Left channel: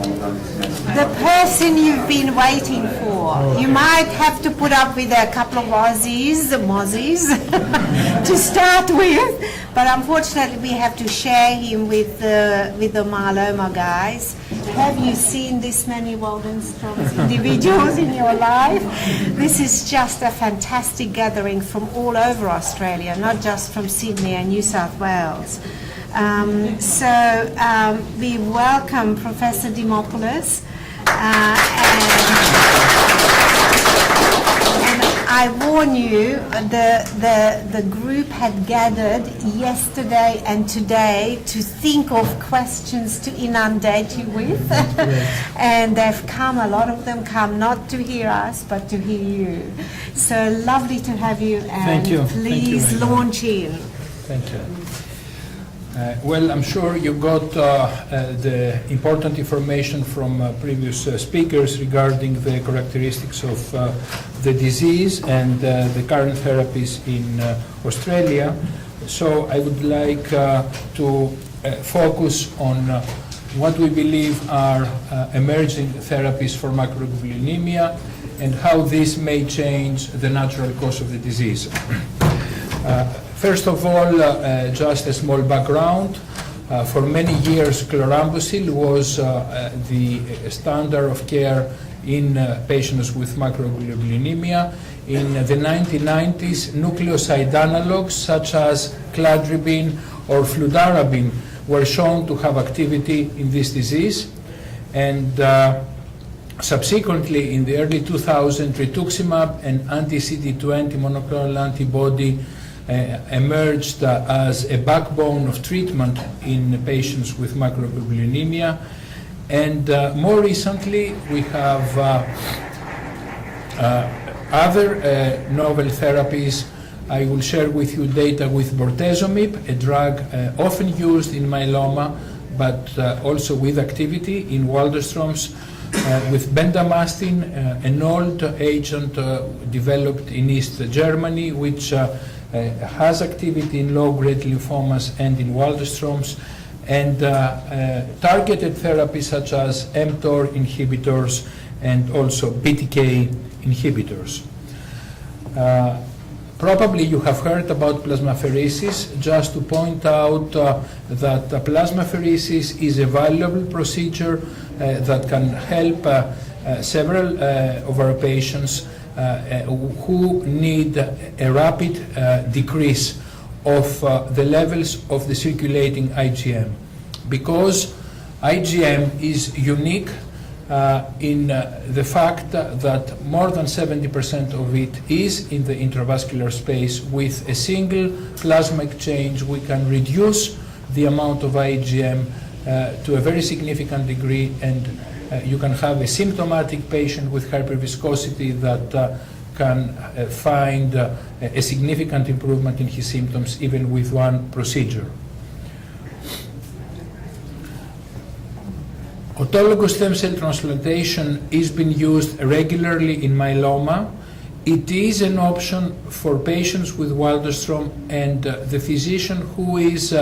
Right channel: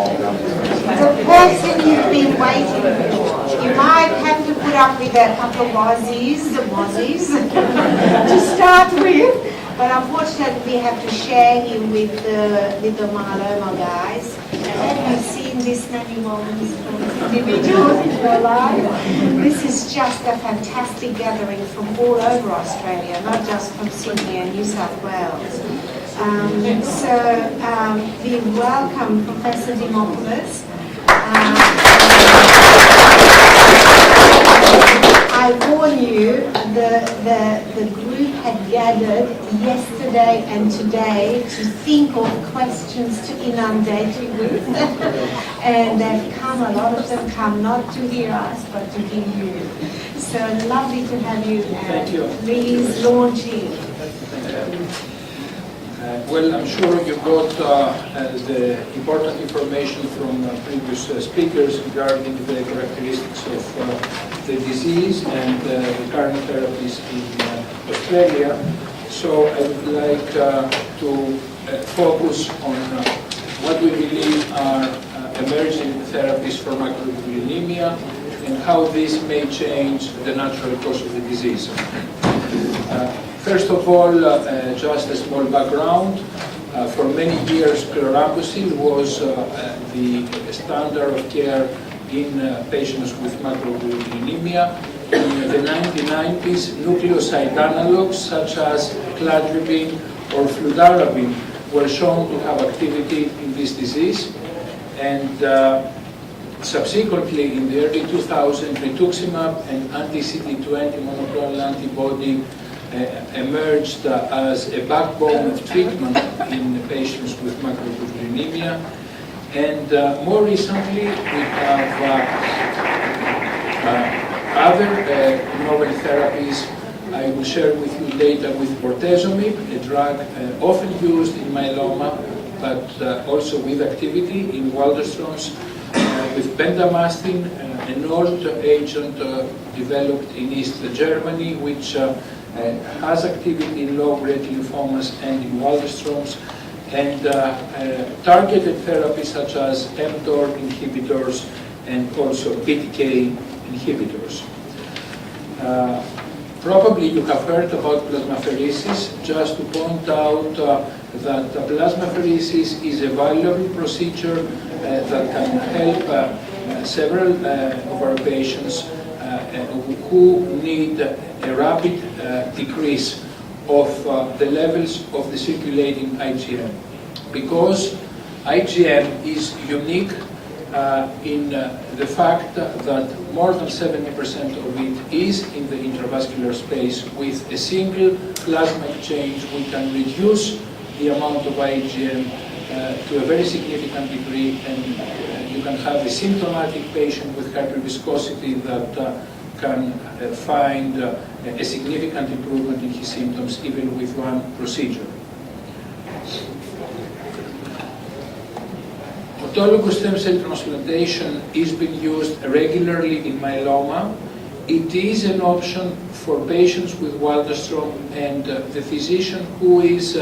The person you've been waiting for. You might have to put up with a couple of mozzies to start with, but unfortunately we have to share him with the myeloma guys. Have you seen this many moments from individuals in your life? This is just a fantastic gathering from all over Australia, not just from Sydney and New South Wales. We welcome Professor Dimopoulos. I warn you, the group had gathered yesterday and today to think of questions to inundate you with. And they've come, a lot of them come not to hear us, but to hear you. So lovely to have you, and thank you. Please launch in. Thank you. Well, I'm sure you got the important information from previous speakers regarding the characteristics of the disease and the current therapies in Australia. So I would like to focus on what we believe are emerging therapies for macroglobulinemia and how this may change the natural course of the disease. First of all, just a small background. For many years, chlorambucil was the standard of care in patients with macroglobulinemia. In the 1990s, nucleoside analogs such as cladribine or fludarabine were shown to have activity in this disease. And subsequently, in the early 2000s, rituximab, an anti-CD20 monoclonal antibody, emerged as a backbone of treatment in patients with macroglobulinemia. And more recently, we have other novel therapies. I will share with you data with bortezomib, a drug often used in myeloma, but also with activity in Waldenstrom's, with bendamustine, an old agent developed in East Germany, which has activity in low-grade lymphomas and in Waldenstrom's, and targeted therapies such as mTOR inhibitors and also BTK inhibitors. Probably you have heard about plasmapheresis. Just to point out that plasmapheresis is a valuable procedure that can help several of our patients who need a rapid decrease of the levels of the circulating IgM. Because IgM is unique in the fact that more than 70% of it is in the intravascular space. With a single plasma exchange, we can reduce the amount of IgM to a very significant degree, and you can have a symptomatic patient with hyperviscosity that can find a significant improvement in his symptoms even with one procedure. Autologous stem cell transplantation is being used regularly in myeloma. It is an option for patients with Waldenstrom, and the physician who is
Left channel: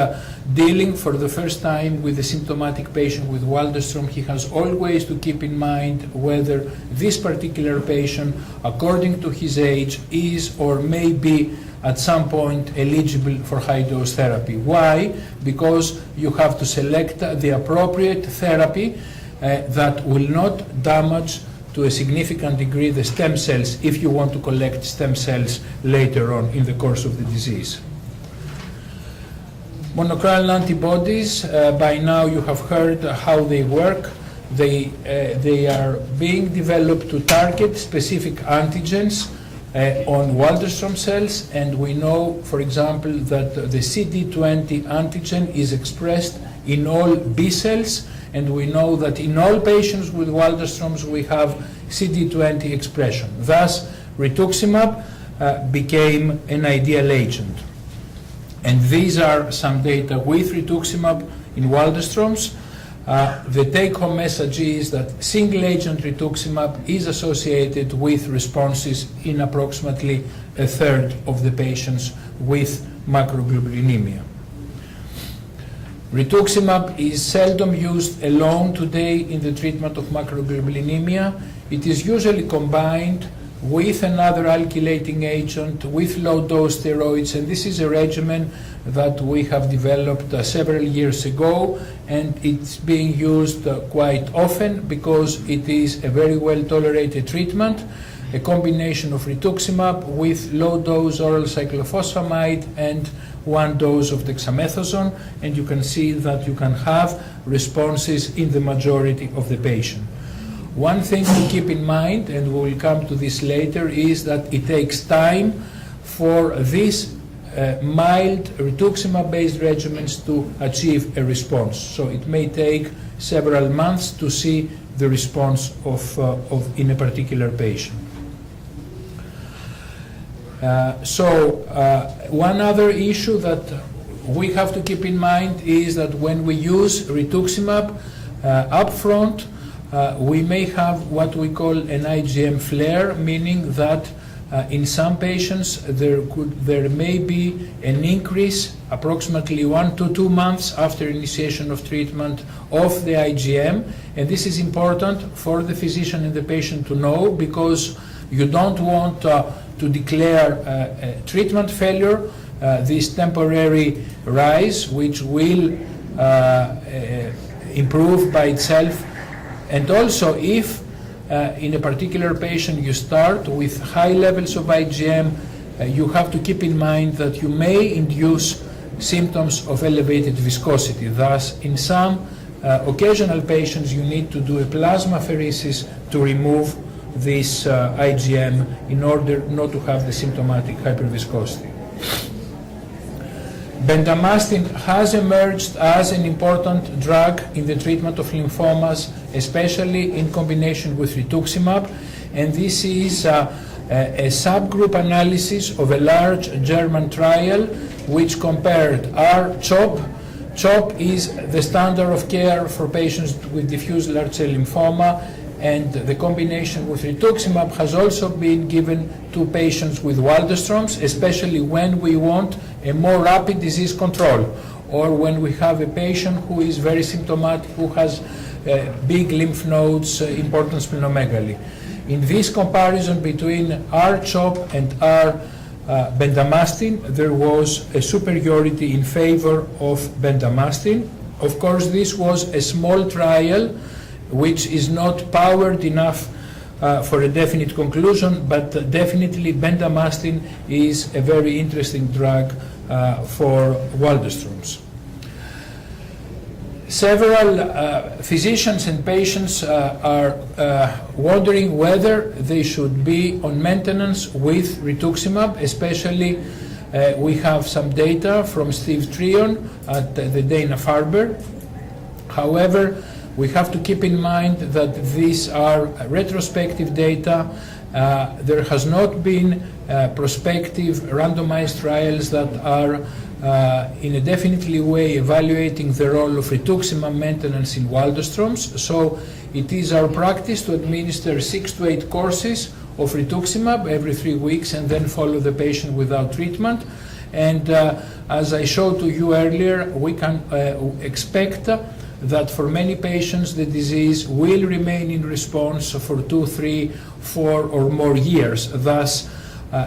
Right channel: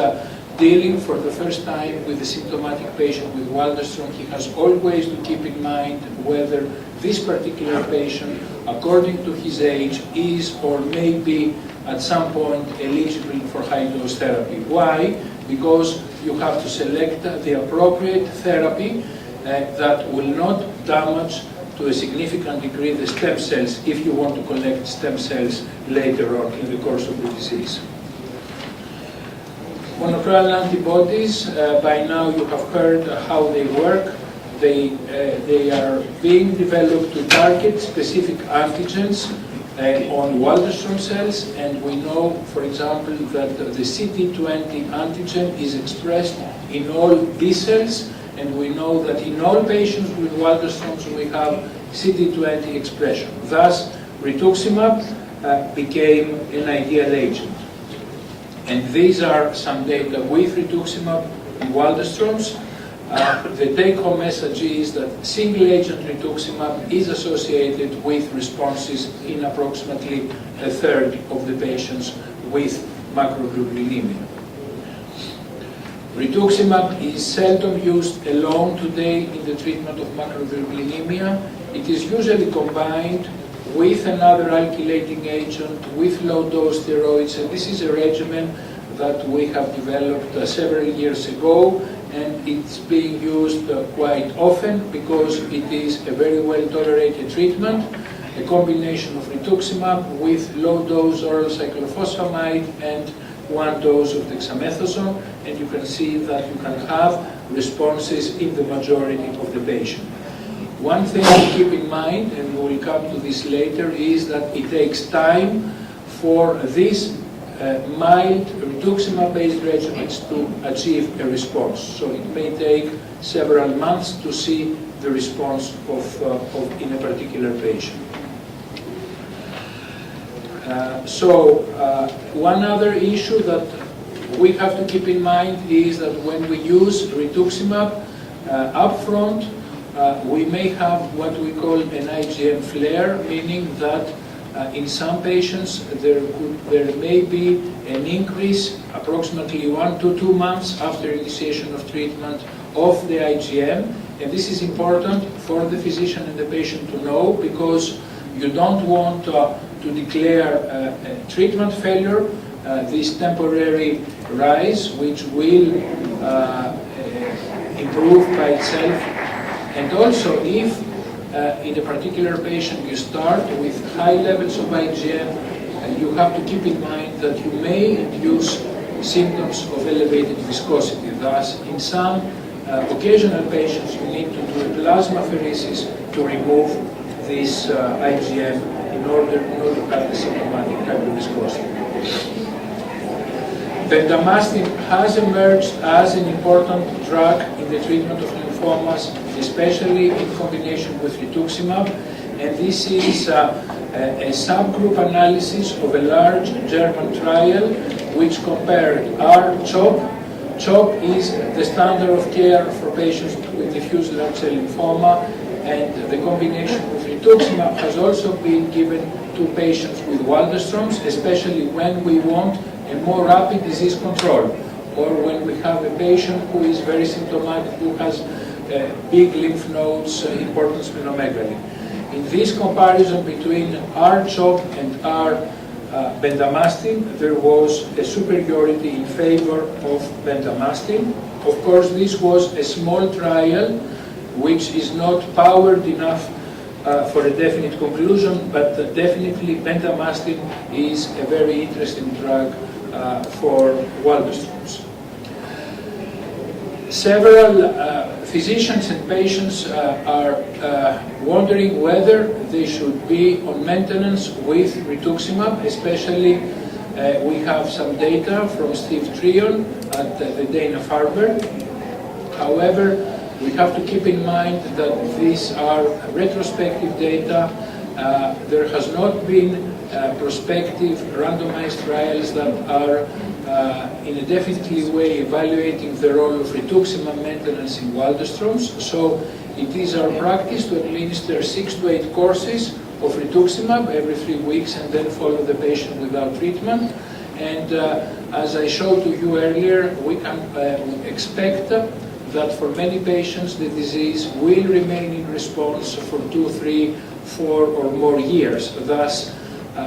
dealing for the first time with a symptomatic patient with Waldenstrom, he has always to keep in mind whether this particular patient, according to his age, is or may be at some point eligible for high-dose therapy. Why? Because you have to select the appropriate therapy that will not damage to a significant degree the stem cells if you want to collect stem cells later on in the course of the disease. Monoclonal antibodies, by now you have heard how they work. They are being developed to target specific antigens on Waldenstrom cells, and we know, for example, that the CD20 antigen is expressed in all B cells, and we know that in all patients with Waldenstrom's we have CD20 expression. Thus, rituximab became an ideal agent. And these are some data with rituximab in Waldenstrom's. The take-home message is that single-agent rituximab is associated with responses in approximately a third of the patients with macroglobulinemia. Rituximab is seldom used alone today in the treatment of macroglobulinemia. It is usually combined with another alkylating agent, with low-dose steroids, and this is a regimen that we have developed several years ago, and it's being used quite often because it is a very well-tolerated treatment, a combination of rituximab with low-dose oral cyclophosphamide and 1 dose of dexamethasone, and you can see that you can have responses in the majority of the patient. One thing to keep in mind, and we will come to this later, is that it takes time for these mild rituximab-based regimens to achieve a response. So it may take several months to see the response in a particular patient. One other issue that we have to keep in mind is that when we use rituximab upfront, we may have what we call an IgM flare, meaning that in some patients there may be an increase approximately 1 to 2 months after initiation of treatment of the IgM, and this is important for the physician and the patient to know, because you don't want to declare treatment failure, this temporary rise, which will improve by itself. And also, if in a particular patient you start with high levels of IgM, you have to keep in mind that you may induce symptoms of elevated viscosity. Thus, in some occasional patients, you need to do a plasmapheresis to remove this IgM in order not to have the symptomatic hyperviscosity. Bendamustine has emerged as an important drug in the treatment of lymphomas, especially in combination with rituximab, and this is a subgroup analysis of a large German trial which compared R-CHOP. CHOP is the standard of care for patients with diffuse large cell lymphoma, and the combination with rituximab has also been given to patients with Waldenstrom's, especially when we want a more rapid disease control, or when we have a patient who is very symptomatic, who has big lymph nodes, important splenomegaly. In this comparison between R-CHOP and R-bendamustine, there was a superiority in favor of bendamustine. Of course, this was a small trial which is not powered enough for a definite conclusion, but definitely bendamustine is a very interesting drug for Waldenstrom's. Several physicians and patients are wondering whether they should be on maintenance with rituximab, especially we have some data from Steve Trion at the Dana-Farber. However, we have to keep in mind that these are retrospective data. There has not been prospective randomized trials that are in a definitely way evaluating the role of rituximab maintenance in Waldenstrom's. So it is our practice to administer 6 to 8 courses of rituximab every 3 weeks and then follow the patient without treatment. And as I showed to you earlier, we can expect that for many patients the disease will remain in response for 2, 3, 4 or more years. Thus,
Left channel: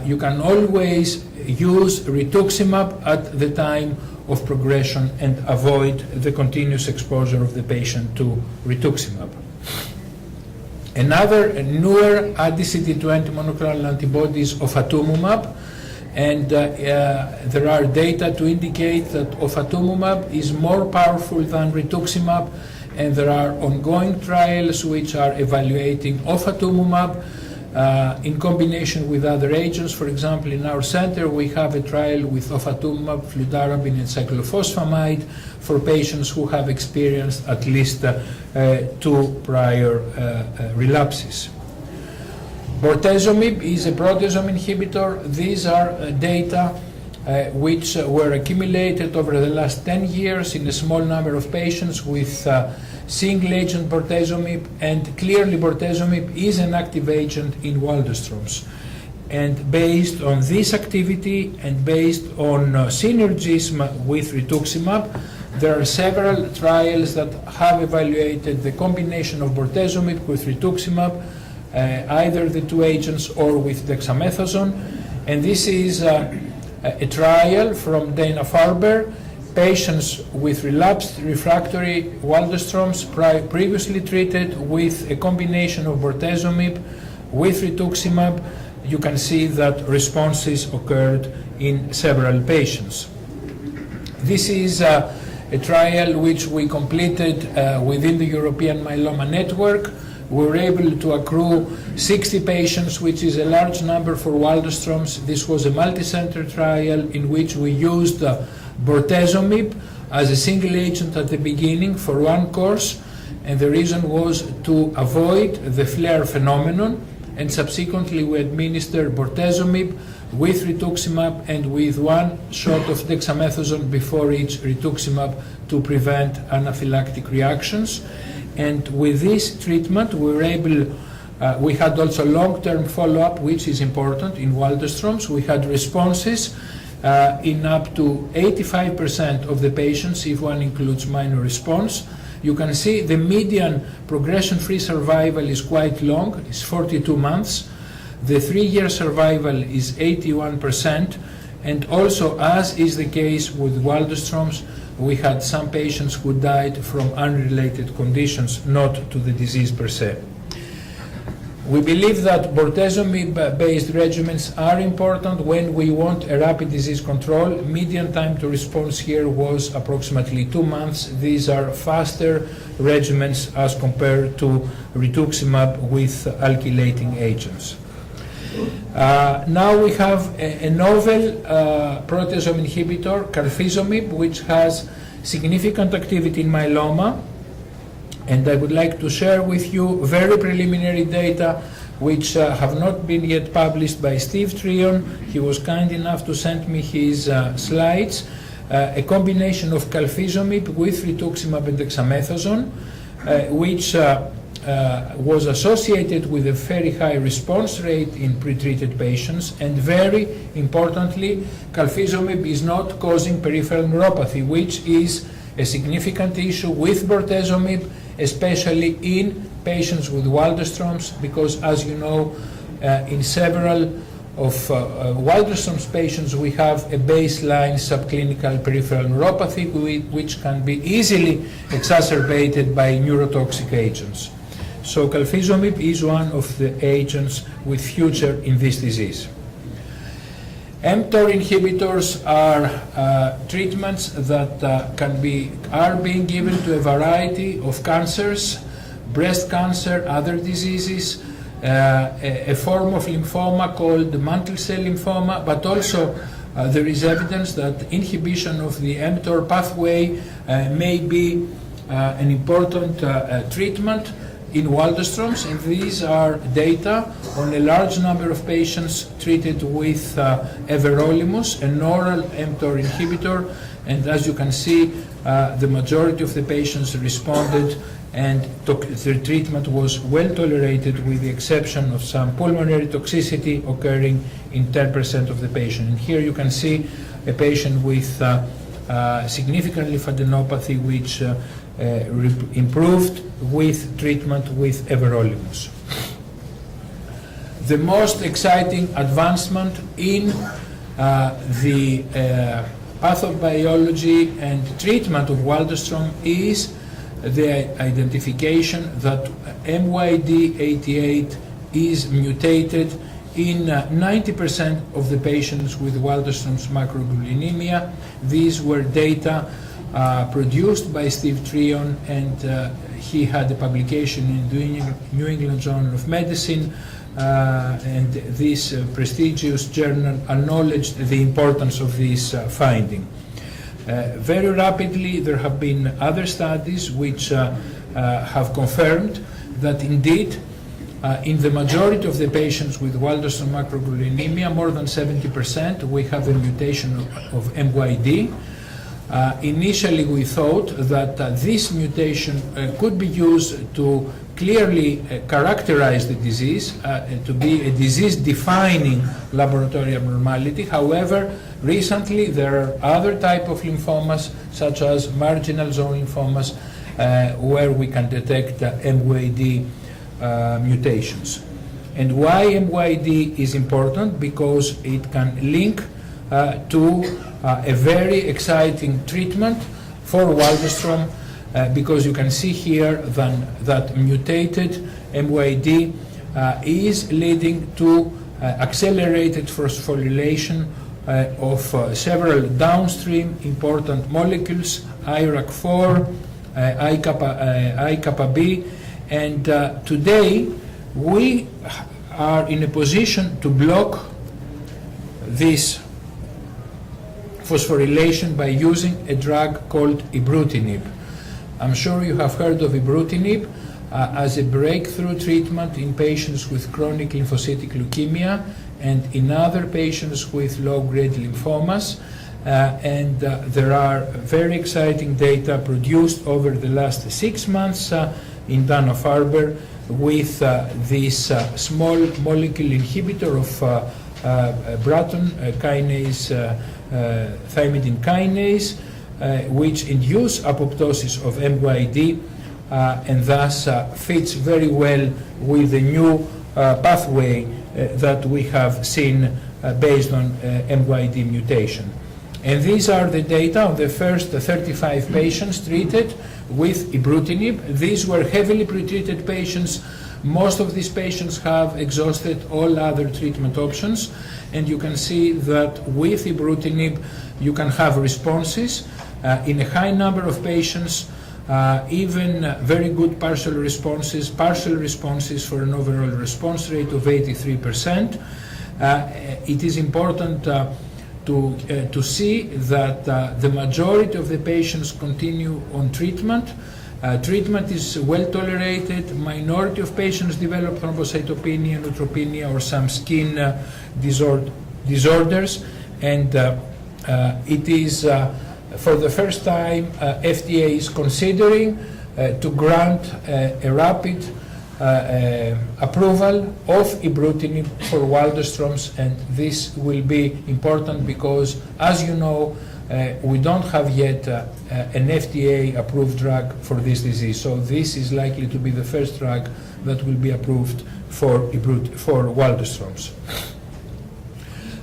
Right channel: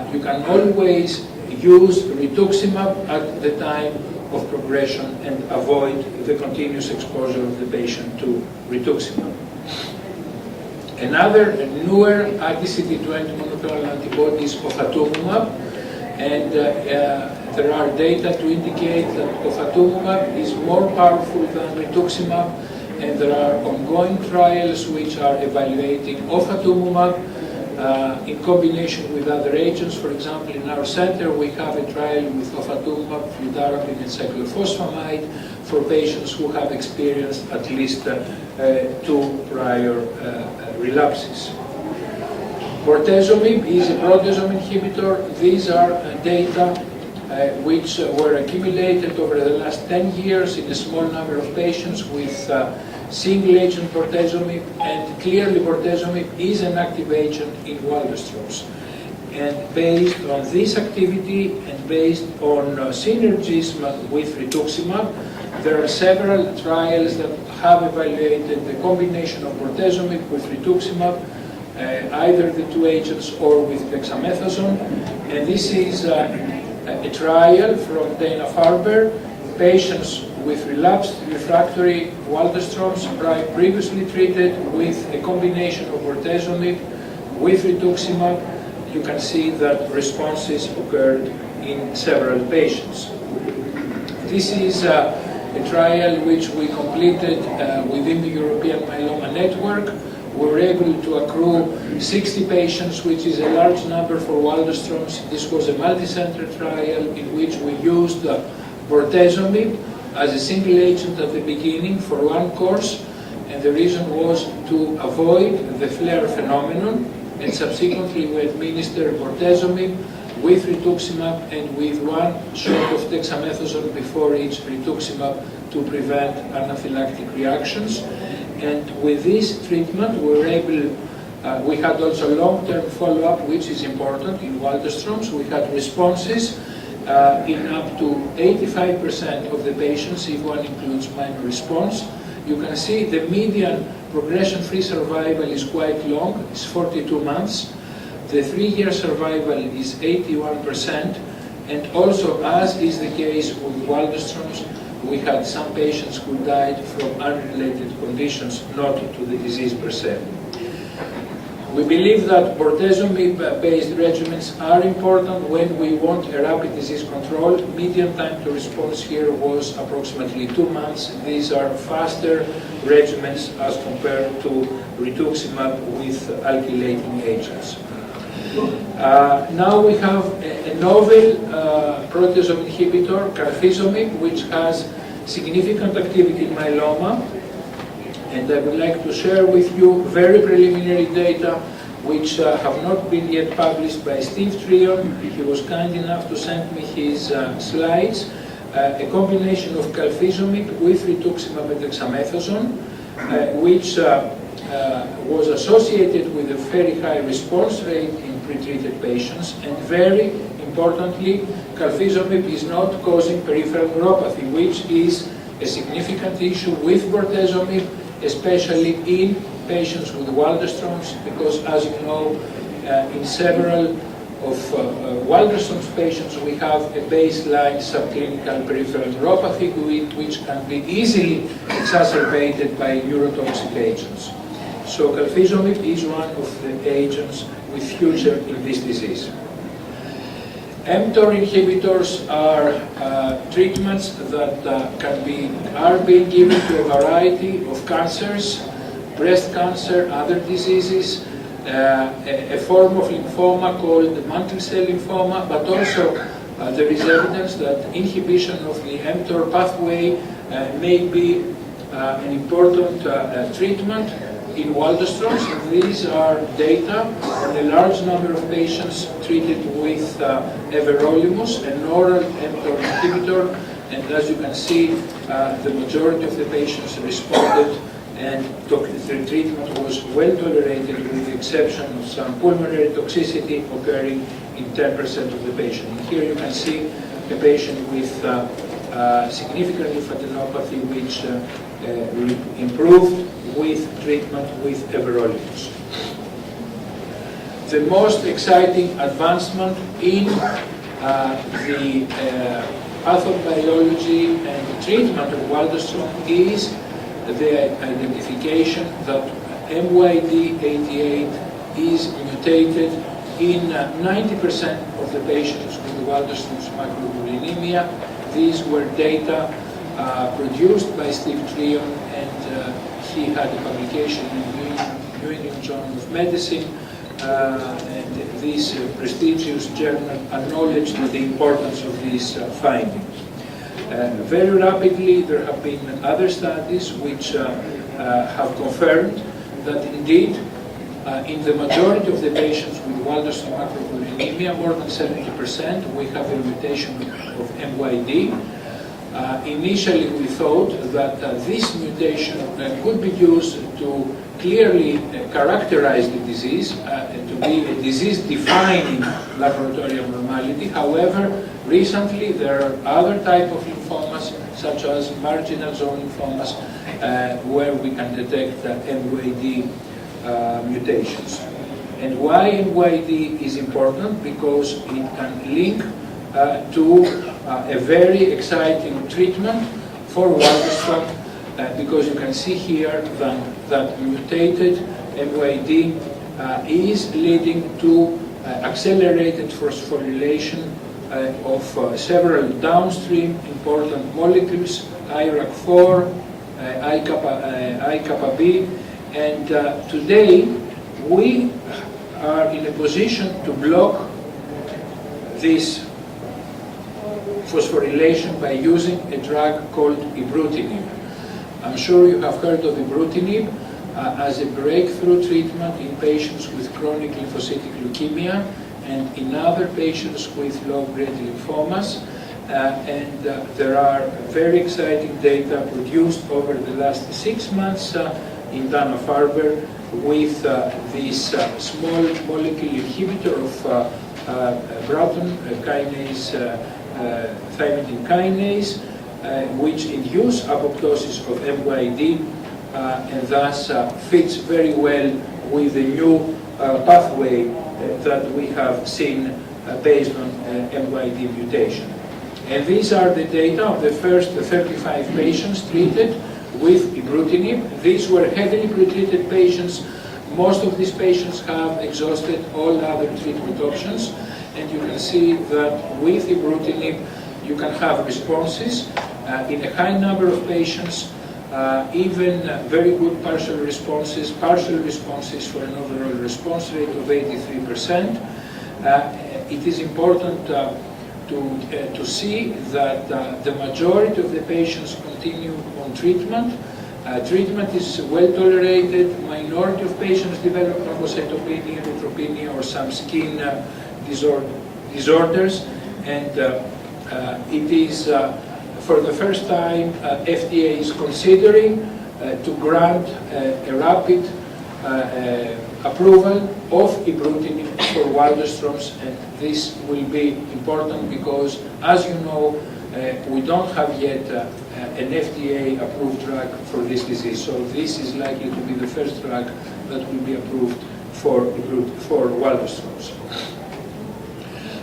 you can always use rituximab at the time of progression and avoid the continuous exposure of the patient to rituximab. Another newer anti-CD20 monoclonal antibody is ofatumumab, and there are data to indicate that ofatumumab is more powerful than rituximab, and there are ongoing trials which are evaluating ofatumumab in combination with other agents. For example, in our center we have a trial with ofatumumab, fludarabine and cyclophosphamide for patients who have experienced at least 2 prior relapses. Bortezomib is a proteasome inhibitor. These are data which were accumulated over the last 10 years in a small number of patients with single-agent bortezomib, and clearly bortezomib is an active agent in Waldenstrom's. And based on this activity and based on synergism with rituximab, There are several trials that have evaluated the combination of bortezomib with rituximab, either the two agents or with dexamethasone. And this is a trial from Dana-Farber, patients with relapsed refractory Waldenstrom's previously treated with a combination of bortezomib with rituximab. You can see that responses occurred in several patients. This is a trial which we completed within the European Myeloma Network. We were able to accrue 60 patients, which is a large number for Waldenstrom's. This was a multi-center trial in which we used bortezomib as a single agent at the beginning for one course, and the reason was to avoid the flare phenomenon, and subsequently we administered bortezomib with rituximab and with one shot of dexamethasone before each rituximab to prevent anaphylactic reactions. And with this treatment we were able, we had also long-term follow-up, which is important in Waldenstrom's. We had responses in up to 85% of the patients, if one includes minor response. You can see the median progression-free survival is quite long, it's 42 months. The 3-year survival is 81%, and also, as is the case with Waldenstrom's, we had some patients who died from unrelated conditions, not to the disease per se. We believe that bortezomib-based regimens are important when we want a rapid disease control. Median time to response here was approximately 2 months. These are faster regimens as compared to rituximab with alkylating agents. Now we have a novel proteasome inhibitor, carfilzomib, which has significant activity in myeloma. And I would like to share with you very preliminary data which have not been yet published by Steve Trion. He was kind enough to send me his slides. A combination of carfilzomib with rituximab and dexamethasone, which was associated with a very high response rate in pretreated patients, and very importantly, carfilzomib is not causing peripheral neuropathy, which is a significant issue with bortezomib, especially in patients with Waldenstrom's, because as you know, in several of Waldenstrom's patients we have a baseline subclinical peripheral neuropathy which can be easily exacerbated by neurotoxic agents. So carfilzomib is one of the agents with future in this disease. mTOR inhibitors are treatments that are being given to a variety of cancers, breast cancer, other diseases, a form of lymphoma called mantle cell lymphoma, but also there is evidence that inhibition of the mTOR pathway may be an important treatment in Waldenstrom's. These are data on a large number of patients treated with everolimus, an oral mTOR inhibitor, and as you can see, the majority of the patients responded and the treatment was well tolerated with the exception of some pulmonary toxicity occurring in 10% of the patients. And here you can see a patient with significant lymphadenopathy which improved with treatment with everolimus. The most exciting advancement in the pathobiology and treatment of Waldenstrom is the identification that MYD88 is mutated in 90% of the patients with Waldenstrom's macroglobulinemia. These were data produced by Steve Trion, and he had a publication in New England Journal of Medicine, and this prestigious journal acknowledged the importance of this finding. Very rapidly, there have been other studies which have confirmed that indeed, in the majority of the patients with Waldenström macroglobulinemia, more than 70%, we have a mutation of MYD. Initially, we thought that this mutation could be used to clearly characterize the disease, to be a disease-defining laboratory abnormality. However, recently there are other types of lymphomas, such as marginal zone lymphomas, where we can detect MYD mutations. And why MYD is important? Because it can link to a very exciting treatment for Waldenström, because you can see here that mutated MYD is leading to accelerated phosphorylation of several downstream important molecules, IRAK4, IKB, and today we are in a position to block this phosphorylation by using a drug called ibrutinib. I'm sure you have heard of ibrutinib as a breakthrough treatment in patients with chronic lymphocytic leukemia and in other patients with low-grade lymphomas. There are very exciting data produced over the last 6 months in Dana-Farber with this small molecule inhibitor of Bratton kinase, thymidine kinase, which induce apoptosis of MYD and thus fits very well with the new pathway that we have seen based on MYD mutation. And these are the data of the first 35 patients treated with ibrutinib. These were heavily pretreated patients. Most of these patients have exhausted all other treatment options, and you can see that with ibrutinib you can have responses in a high number of patients, even very good partial responses for an overall response rate of 83%. It is important to see that the majority of the patients continue on treatment. Treatment is well tolerated. Minority of patients develop thrombocytopenia, neutropenia, or some skin disorders, and it is for the first time FDA is considering to grant a rapid approval of ibrutinib for Waldenström's, and this will be important because, as you know, we don't have yet an FDA-approved drug for this disease. So this is likely to be the first drug that will be approved for Waldenström's.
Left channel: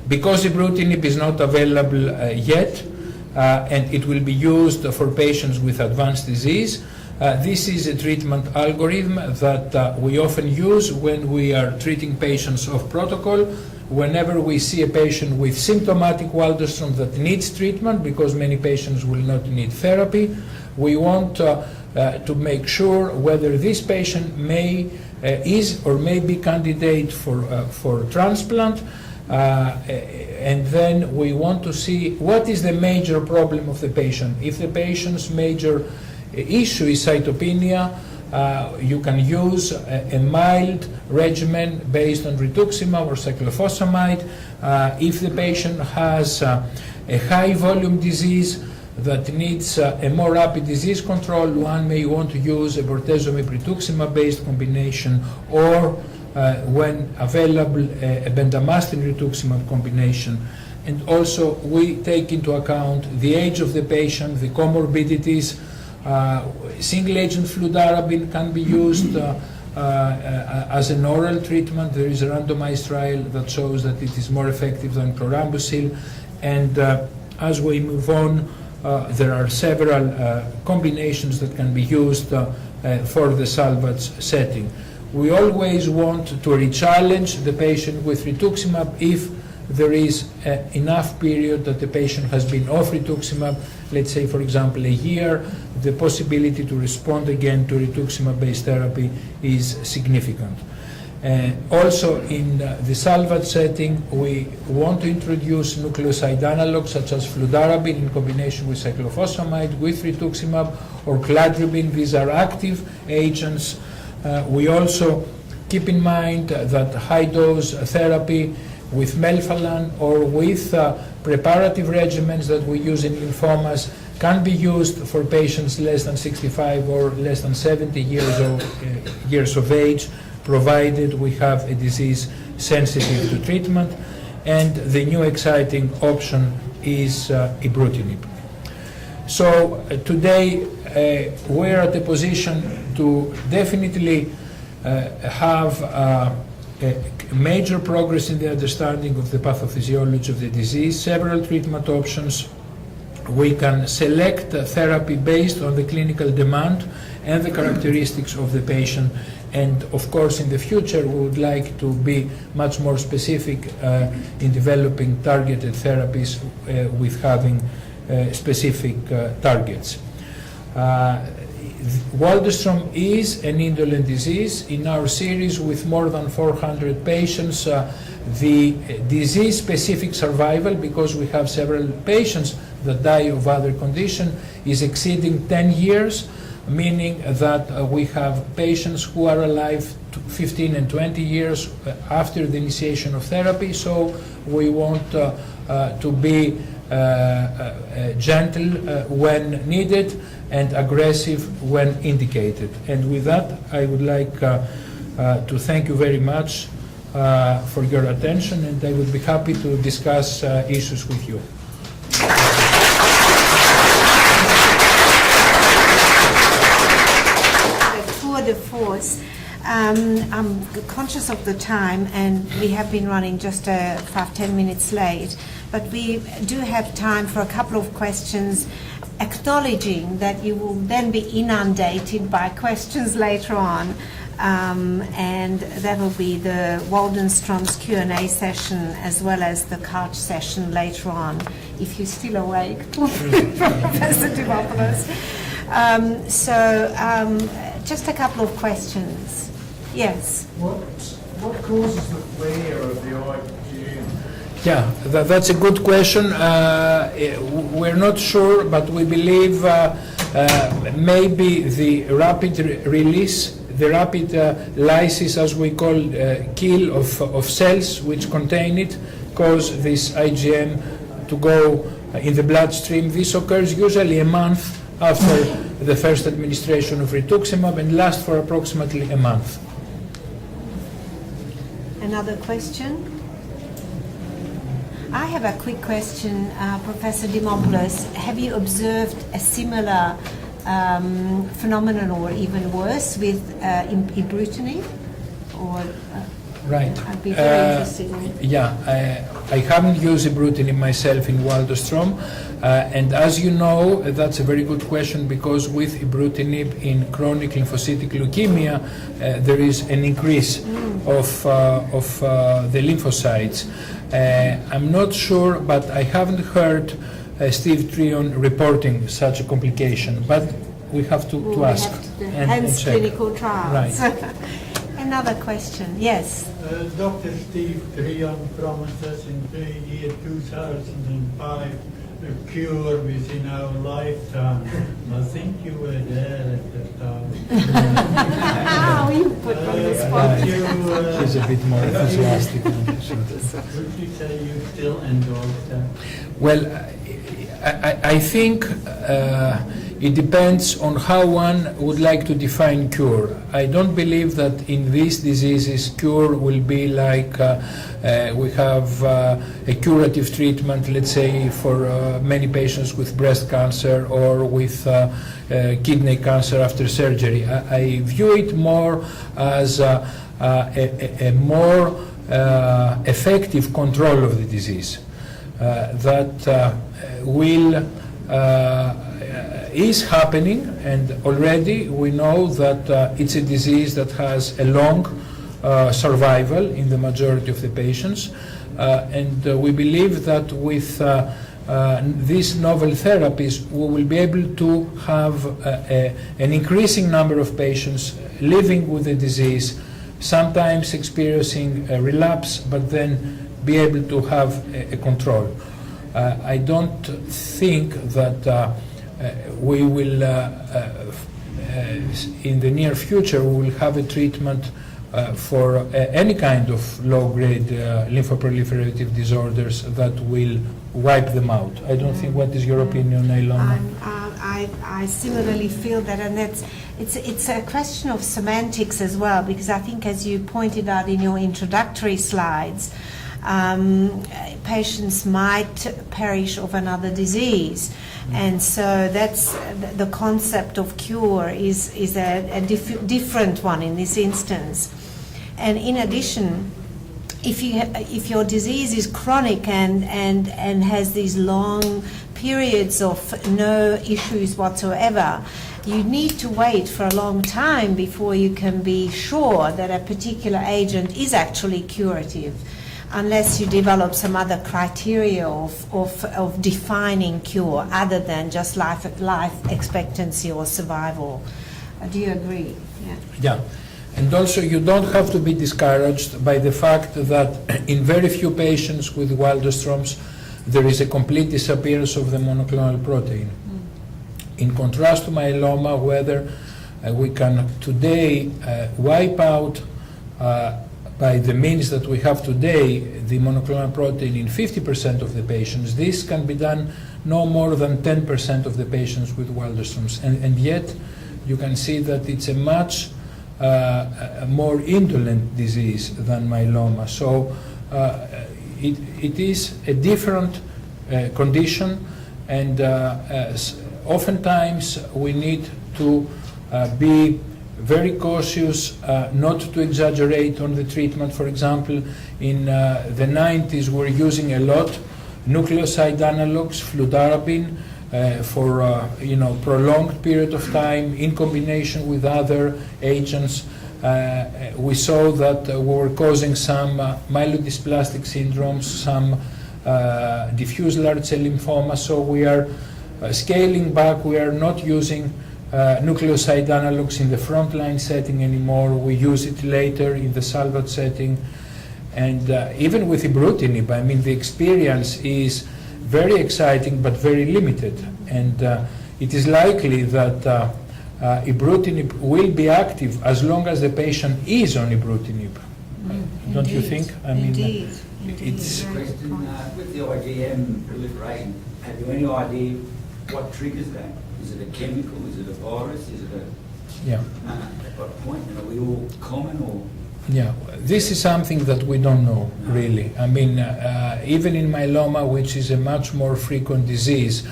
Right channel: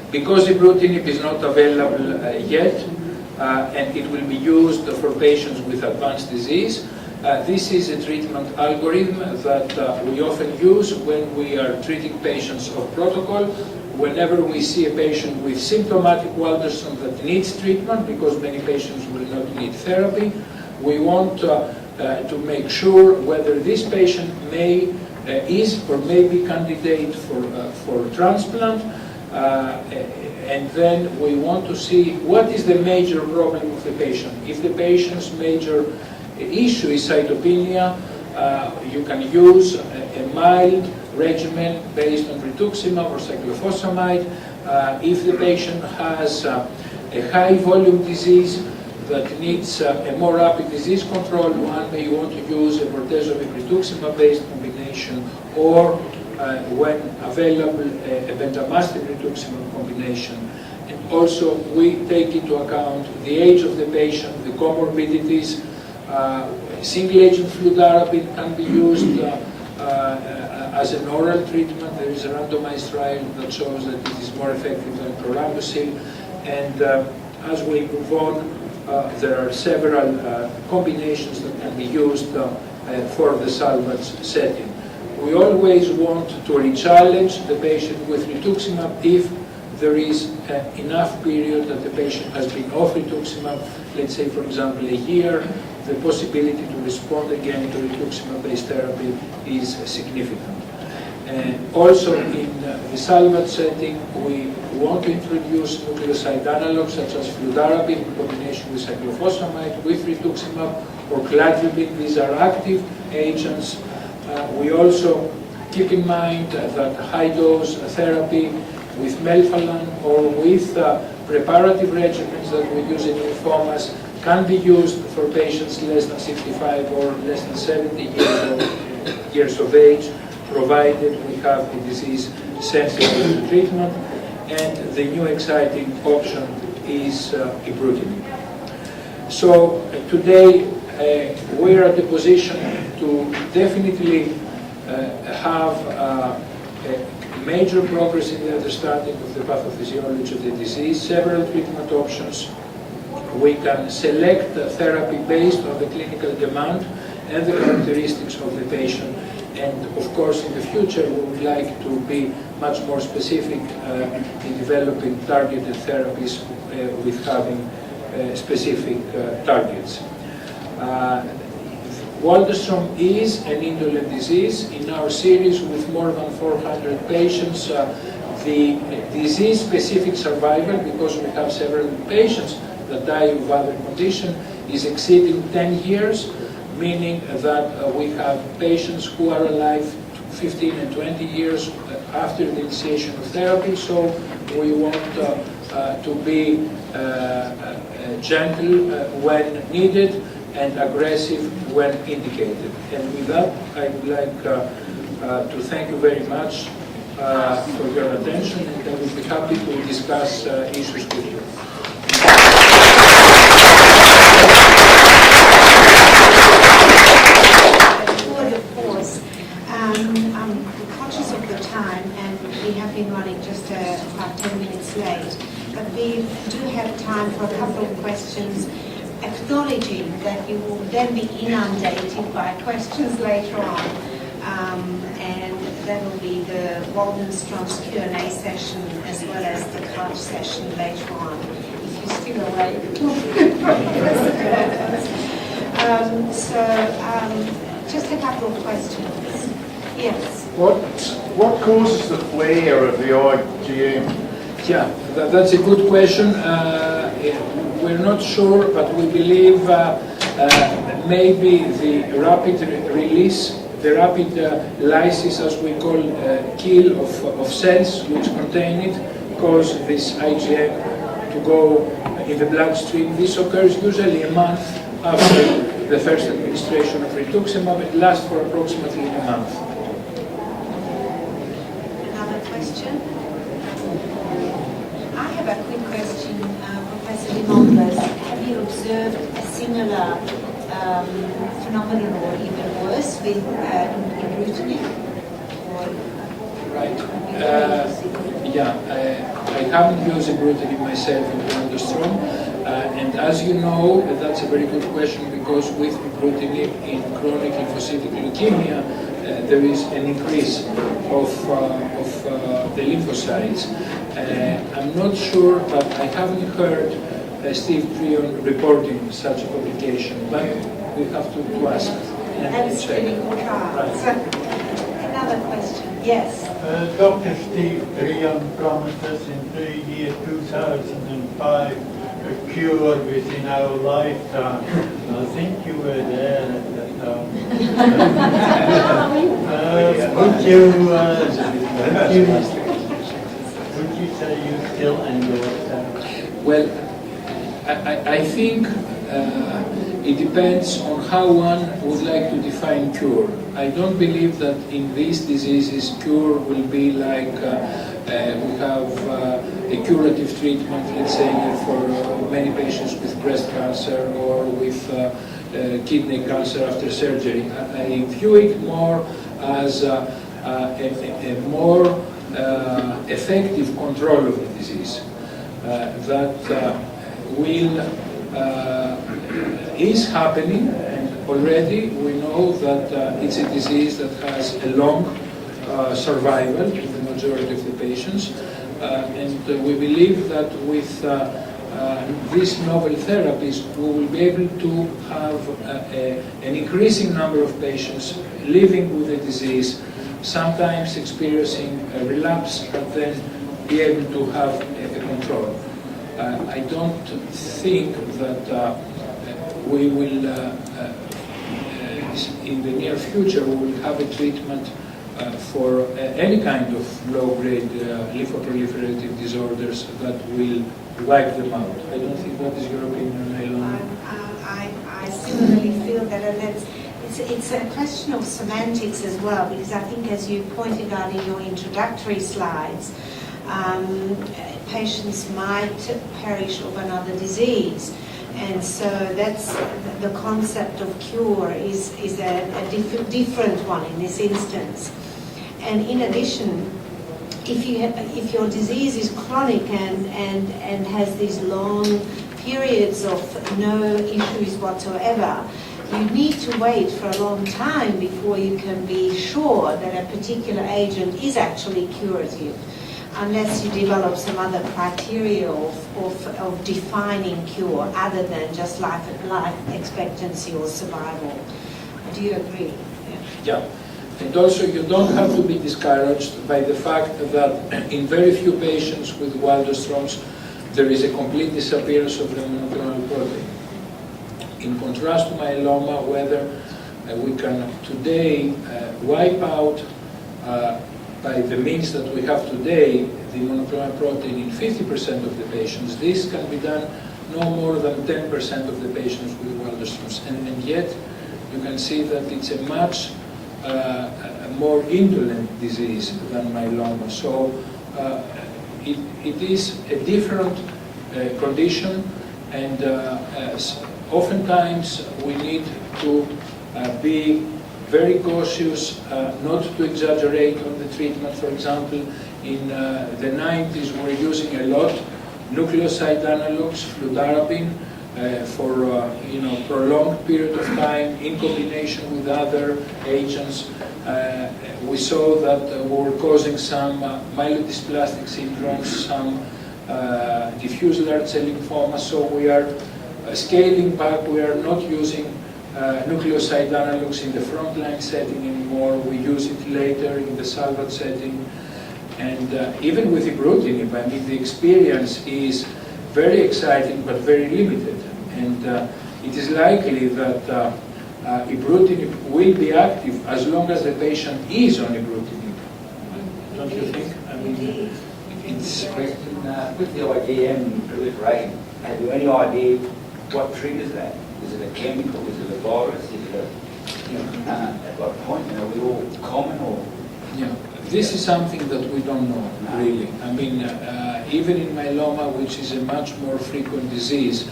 Because ibrutinib is not available yet, and it will be used for patients with advanced disease, this is a treatment algorithm that we often use when we are treating patients of protocol. Whenever we see a patient with symptomatic Waldenström that needs treatment, because many patients will not need therapy, we want to make sure whether this patient is or may be candidate for transplant, and then we want to see what is the major problem of the patient. If the patient's major issue is cytopenia, you can use a mild regimen based on rituximab or cyclophosphamide. If the patient has a high volume disease that needs a more rapid disease control, one may want to use a bortezomib rituximab based combination, or when available a bendamustine rituximab combination. And also we take into account the age of the patient, the comorbidities. Single-agent fludarabine can be used as an oral treatment. There is a randomized trial that shows that it is more effective than chlorambucil. And as we move on, there are several combinations that can be used for the salvage setting. We always want to re-challenge the patient with rituximab if there is enough period that the patient has been off rituximab, let's say for example a year. The possibility to respond again to rituximab-based therapy is significant. Also in the salvage setting, we want to introduce nucleoside analogs such as fludarabine in combination with cyclophosphamide, with rituximab, or cladribine. These are active agents. We also keep in mind that high-dose therapy with melphalan or with preparative regimens that we use in lymphomas can be used for patients less than 65 or less than 70 years old years of age, provided we have a disease sensitive to treatment. And the new exciting option is ibrutinib. So today we're at a position to definitely have major progress in the understanding of the pathophysiology of the disease, several treatment options. We can select a therapy based on the clinical demand and the characteristics of the patient. And of course, in the future, we would like to be much more specific in developing targeted therapies with having specific targets. Waldenstrom is an indolent disease. In our series with more than 400 patients, the disease-specific survival, because we have several patients that die of other conditions, is exceeding 10 years, meaning that we have patients who are alive 15 and 20 years after the initiation of therapy. So we want to be gentle when needed and aggressive when indicated. And with that, I would like to thank you very much for your attention, and I will be happy to discuss issues with you. I'm conscious of the time, and we have been running just 5-10 minutes late, but we do have time for a couple of questions, acknowledging that you will then be inundated by questions later on, and that will be the Waldenstrom's Q&A session as well as the couch session later on, if you're still awake. Just a couple of questions. Yes. What causes the flare of the IgM? Yeah, that's a good question. We're not sure, but we believe maybe the rapid release, the rapid lysis, as we call kill of cells which contain it, cause this IgM to go in the bloodstream. This occurs usually a month after the first administration of rituximab and lasts for approximately a month. Another question? I have a quick question, Professor Dimopoulos. Have you observed a similar phenomenon, or even worse, with ibrutinib? Right. I haven't used ibrutinib myself in Waldenstrom, and as you know, that's a very good question, because with ibrutinib in chronic lymphocytic leukemia, there is an increase of the lymphocytes. I'm not sure, but I haven't heard Steve Trion reporting such a complication, but we have to ask and check. Clinical trials. Right. Another question, yes. Dr. Steve Trion promised us in the year 2005 a cure within our lifetime. I think you were there at that time. Would you say you still endorse that? Well, I think it depends on how one would like to define cure. I don't believe that in these diseases cure will be like we have a curative treatment, let's say, for many patients with breast cancer or with kidney cancer after surgery. I view it more as a more effective control of the disease that will is happening, and already we know that it's a disease that has a long survival in the majority of the patients, and we believe that with these novel therapies we will be able to have an increasing number of patients living with the disease, sometimes experiencing a relapse, but then be able to have a control. I don't think that we will, in the near future, we will have a treatment for any kind of low-grade lymphoproliferative disorders that will wipe them out. I don't think. What is your opinion, Ilona? I similarly feel that, and It's a question of semantics as well, because I think, as you pointed out in your introductory slides, patients might perish of another disease. And so that's the concept of cure is a different one in this instance. And in addition, if your disease is chronic and has these long periods of no issues whatsoever, you need to wait for a long time before you can be sure that a particular agent is actually curative, unless you develop some other criteria of defining cure other than just life expectancy or survival. Do you agree? Yeah. And also, you don't have to be discouraged by the fact that in very few patients with Waldenstrom's there is a complete disappearance of the monoclonal protein. In contrast to myeloma, whether we can today wipe out by the means that we have today the monoclonal protein in 50% of the patients, this can be done no more than 10% of the patients with Waldenstrom's. And yet, you can see that it's a much more indolent disease than myeloma. So it is a different condition, and oftentimes we need to be very cautious not to exaggerate on the treatment. For example, in the 90s we were using a lot nucleoside analogues, fludarabine, for prolonged period of time in combination with other agents. We saw that we were causing some myelodysplastic syndromes, some diffuse large cell lymphoma, so we are scaling back. We are not using nucleoside analogues in the frontline setting anymore. We use it later in the salvage setting. And even with ibrutinib, I mean, the experience is very exciting but very limited. And it is likely that ibrutinib will be active as long as the patient is on ibrutinib. Don't you think? I mean, it's a question with the IgM proliferating. Have you any idea what triggers that? Is it a chemical? Is it a virus? Is it at what point? Are we all common or? Yeah, this is something that we don't know really. I mean, even in myeloma, which is a much more frequent disease,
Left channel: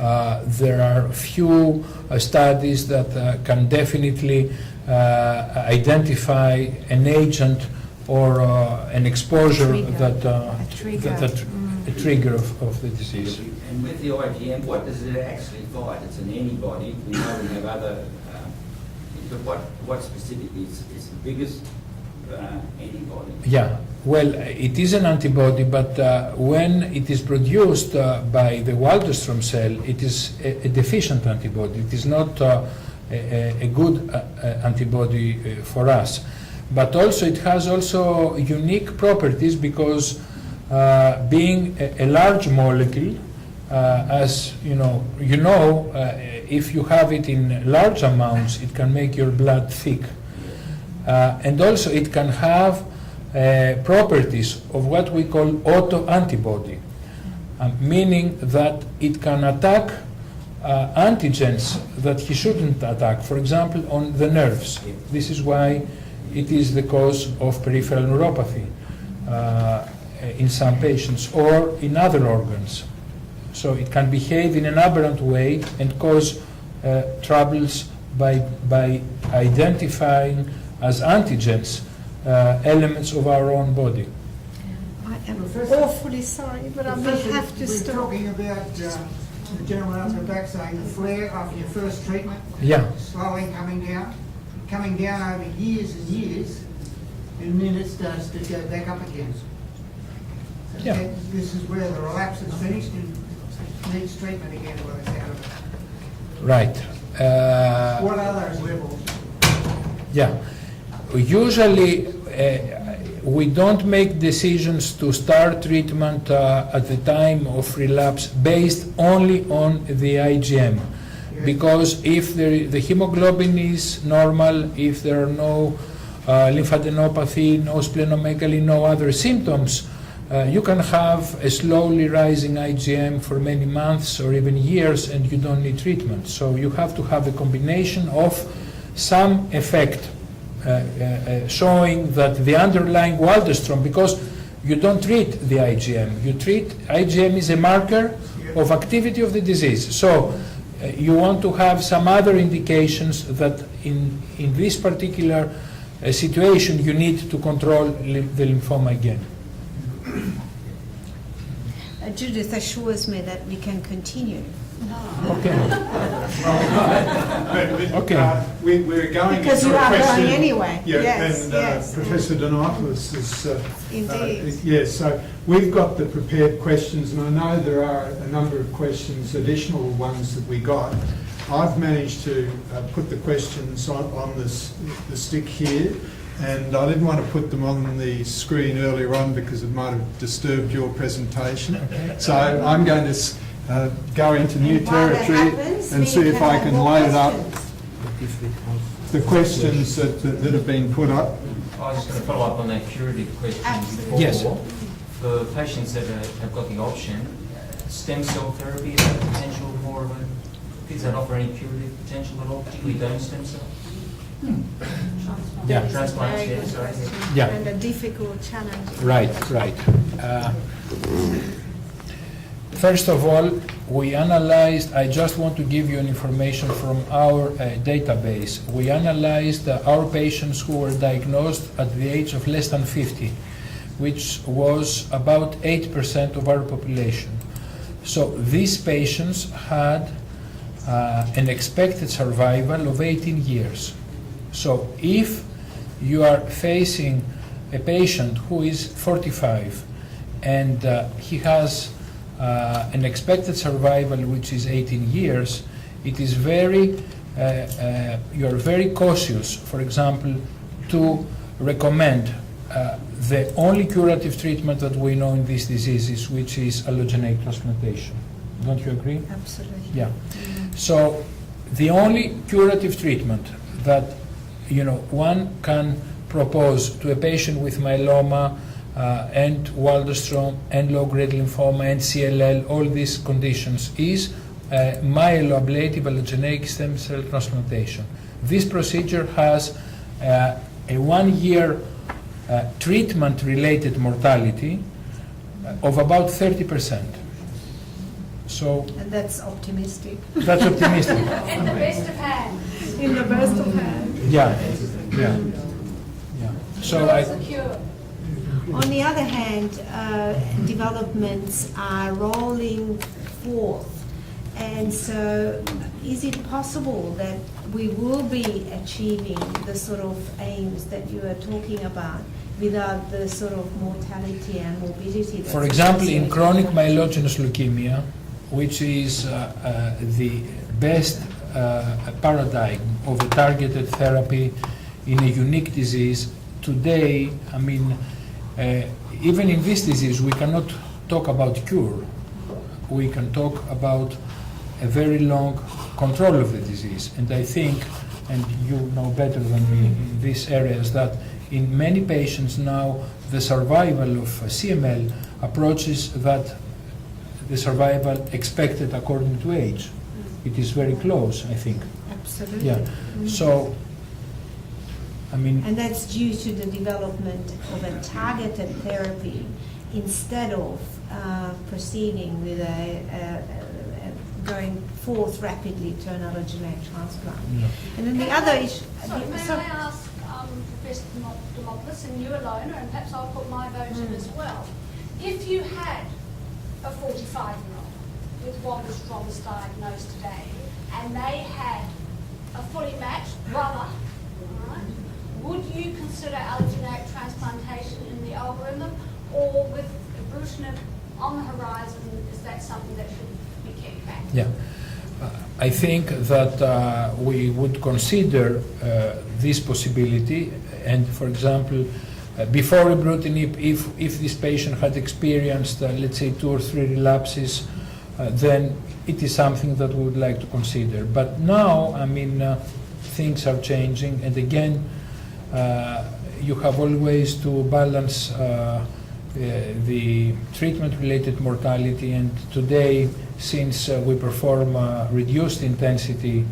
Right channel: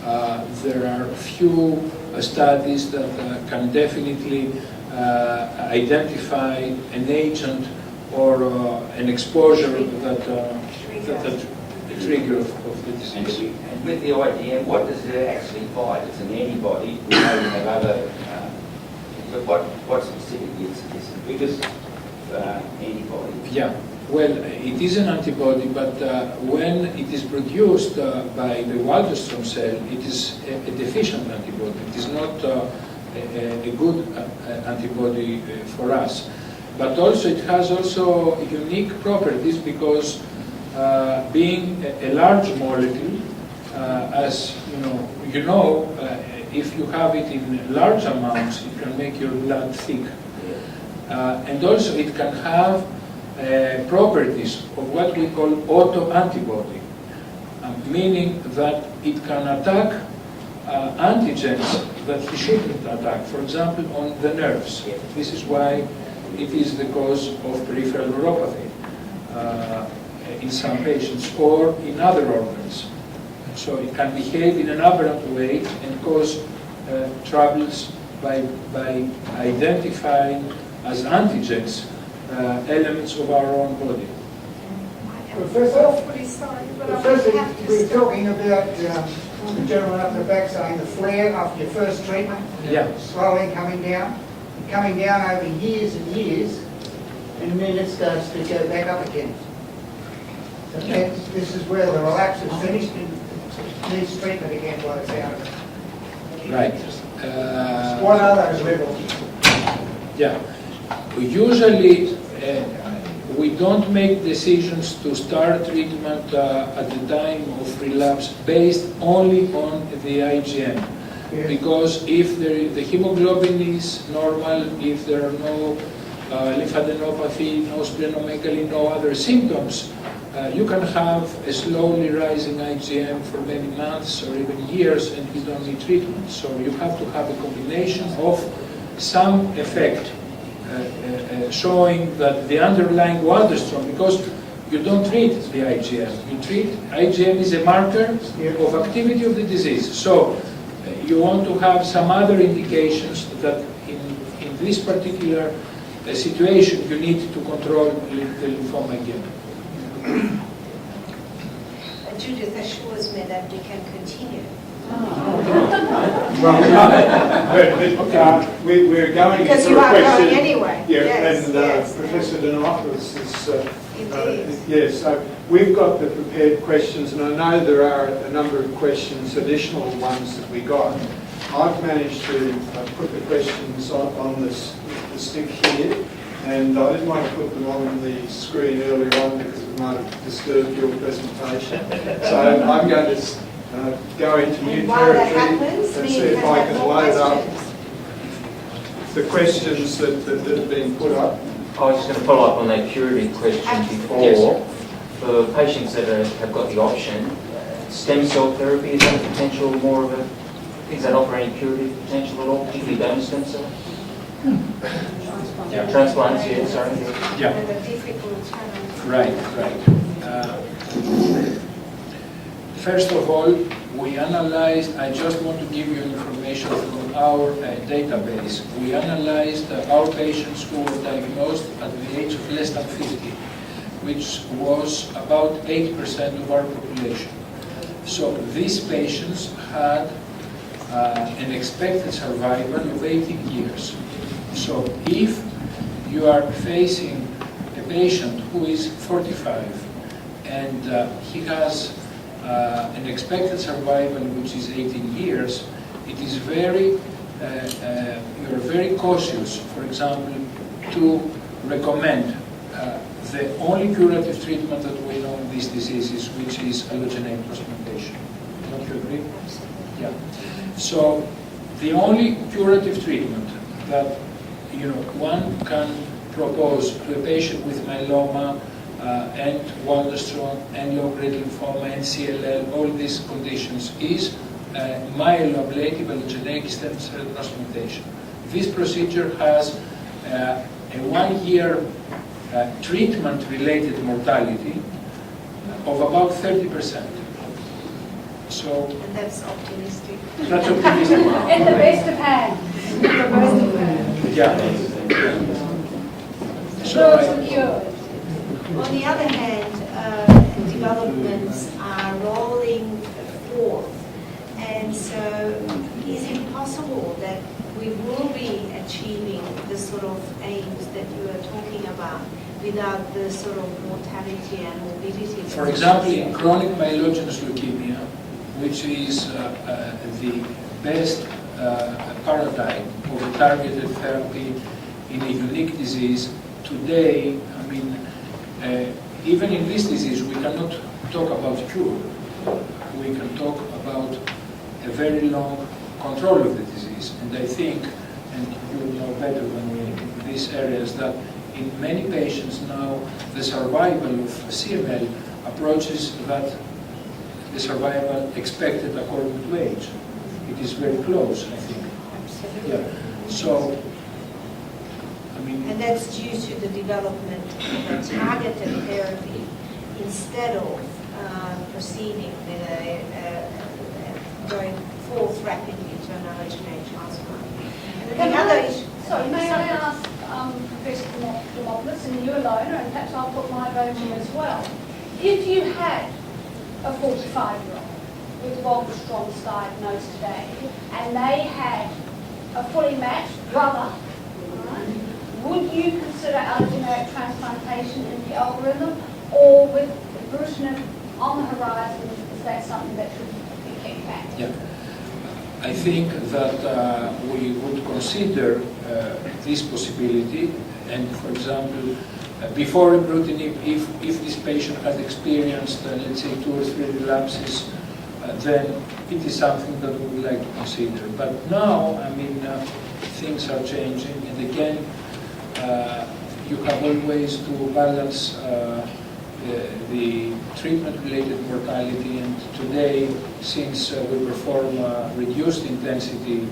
there are few studies that can definitely identify an agent or an exposure that a trigger of the disease. And with the IgM, what does it actually fight? It's an antibody. We know we have other. But what specifically is the biggest antibody? Yeah. Well, it is an antibody, but when it is produced by the Waldenstrom cell, it is a deficient antibody. It is not a good antibody for us. But also, it has also unique properties because being a large molecule, as you know, if you have it in large amounts, it can make your blood thick, and also it can have properties of what we call autoantibody, meaning that it can attack antigens that he shouldn't attack, for example, on the nerves. This is why it is the cause of peripheral neuropathy in some patients or in other organs. So it can behave in an aberrant way and cause troubles by identifying as antigens elements of our own body. I am awfully sorry, but I will have to We're stop. talking about the gentleman up the back saying the flare after your first treatment, Yeah. slowly coming down over years and years, and then it starts to go back up again. So Yeah. this is where the relapse is finished and needs treatment again while it's out of it. Right. What are those levels? Yeah. Usually, we don't make decisions to start treatment at the time of relapse based only on the IgM. Yeah. Because if the hemoglobin is normal, if there are no lymphadenopathy, no splenomegaly, no other symptoms, you can have a slowly rising IgM for many months or even years and you don't need treatment. So you have to have a combination of some effect showing that the underlying Waldenstrom, because you don't treat the IgM, you treat IgM is a marker of activity of the disease. So you want to have some other indications that in this particular situation you need to control the lymphoma again. Judith assures me that we can continue. We're going Because into you a are question. going anyway. Yeah, Yes, and yes. Professor Dimopoulos is. Indeed. Yeah, so we've got the prepared questions, and I know there are a number of questions, additional ones that we got. I've managed to put the questions on the stick here, and I didn't want to put them on the screen earlier on because it might have disturbed your presentation. So I'm going to go into new While that territory happens, and we see if can I have can more load up questions. the questions that have been put up. I was just going to follow up on that curative question before. Yes. For patients that have got the option, stem cell therapy, is that a potential more of a, does that offer any curative potential at all, particularly donor stem cell? Yeah. Transplants, yeah, sorry. Yeah. And a difficult challenge. Right. First of all, we analyzed, I just want to give you information from our database. We analyzed our patients who were diagnosed at the age of less than 50, which was about 8% of our population. So these patients had an expected survival of 18 years. So if you are facing a patient who is 45 and he has an expected survival which is 18 years, it is very, you are very cautious, for example, to recommend the only curative treatment that we know in these diseases, which is allogeneic transplantation. Don't you agree? Absolutely. Yeah. So the only curative treatment that one can propose to a patient with myeloma and Waldenstrom and low-grade lymphoma and CLL, all these conditions, is myeloablative allogeneic stem cell transplantation. This procedure has a 1-year treatment-related mortality of about 30%. So And that's optimistic. that's optimistic. In the best of hands. In the best of hands. Yeah. So Cures and cured. On the other hand, developments are rolling forth, and so is it possible that we will be achieving the sort of aims that you are talking about without the sort of mortality and morbidity? for example, in chronic myelogenous leukemia, which is the best paradigm of a targeted therapy in a unique disease, today, I mean, even in this disease, we cannot talk about cure. We can talk about a very long control of the disease. And I think, and you know better than me in this area, is that in many patients now, the survival of CML approaches that the survival expected according to age. It is very close, I think. Absolutely. Yeah. So, I mean, And that's due to the development of a targeted therapy instead of proceeding with going forth rapidly to an allogeneic transplant. And then the other issue. Sorry, may I ask Professor Dimopoulos, and you alone, and perhaps I'll put my vote in as well. If you had a 45-year-old with Waldenstrom's diagnosed today, and they had a fully matched brother, right, would you consider allogeneic transplantation in the algorithm, or with ibrutinib on the horizon, is that something that should be kept back? yeah. I think that we would consider this possibility, and for example, before ibrutinib, if this patient had experienced, let's say, 2 or 3 relapses, then it is something that we would like to consider. But now, I mean, things are changing, and again, you have always to balance the treatment-related mortality, and today, since we perform reduced intensity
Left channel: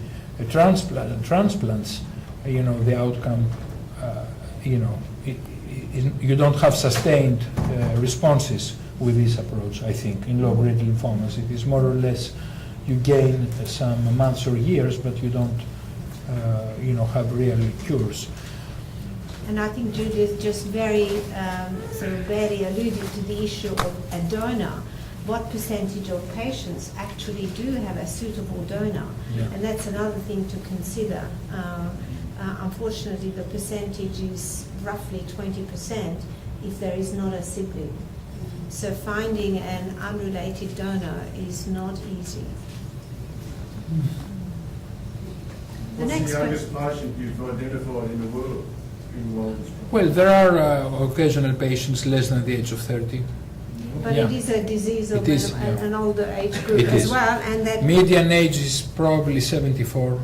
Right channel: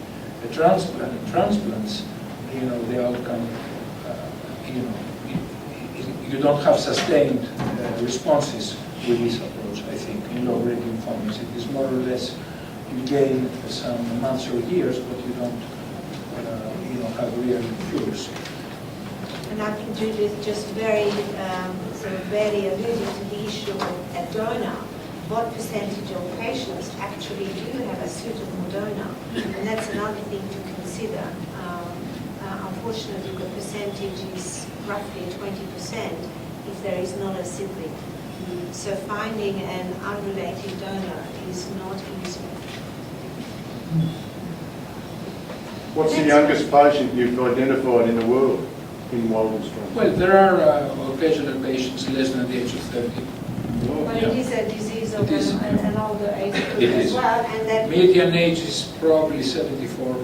transplants, the outcome, you don't have sustained responses with this approach, I think, in low-grade lymphomas. It is more or less you gain some months or years, but you don't, have real cures. And I think Judith just very sort of barely alluded to the issue of a donor. What percentage of patients actually do have a suitable donor? And that's another thing to consider. Unfortunately, the percentage is roughly 20% if there is not a sibling. So finding an unrelated donor is not easy. What's the youngest patient you've identified in the world in Waldenstrom? Well, there are occasional patients less than the age of 30. But Yeah. it is a disease of It is, an older age group It as is. well, and that Median age is probably 74.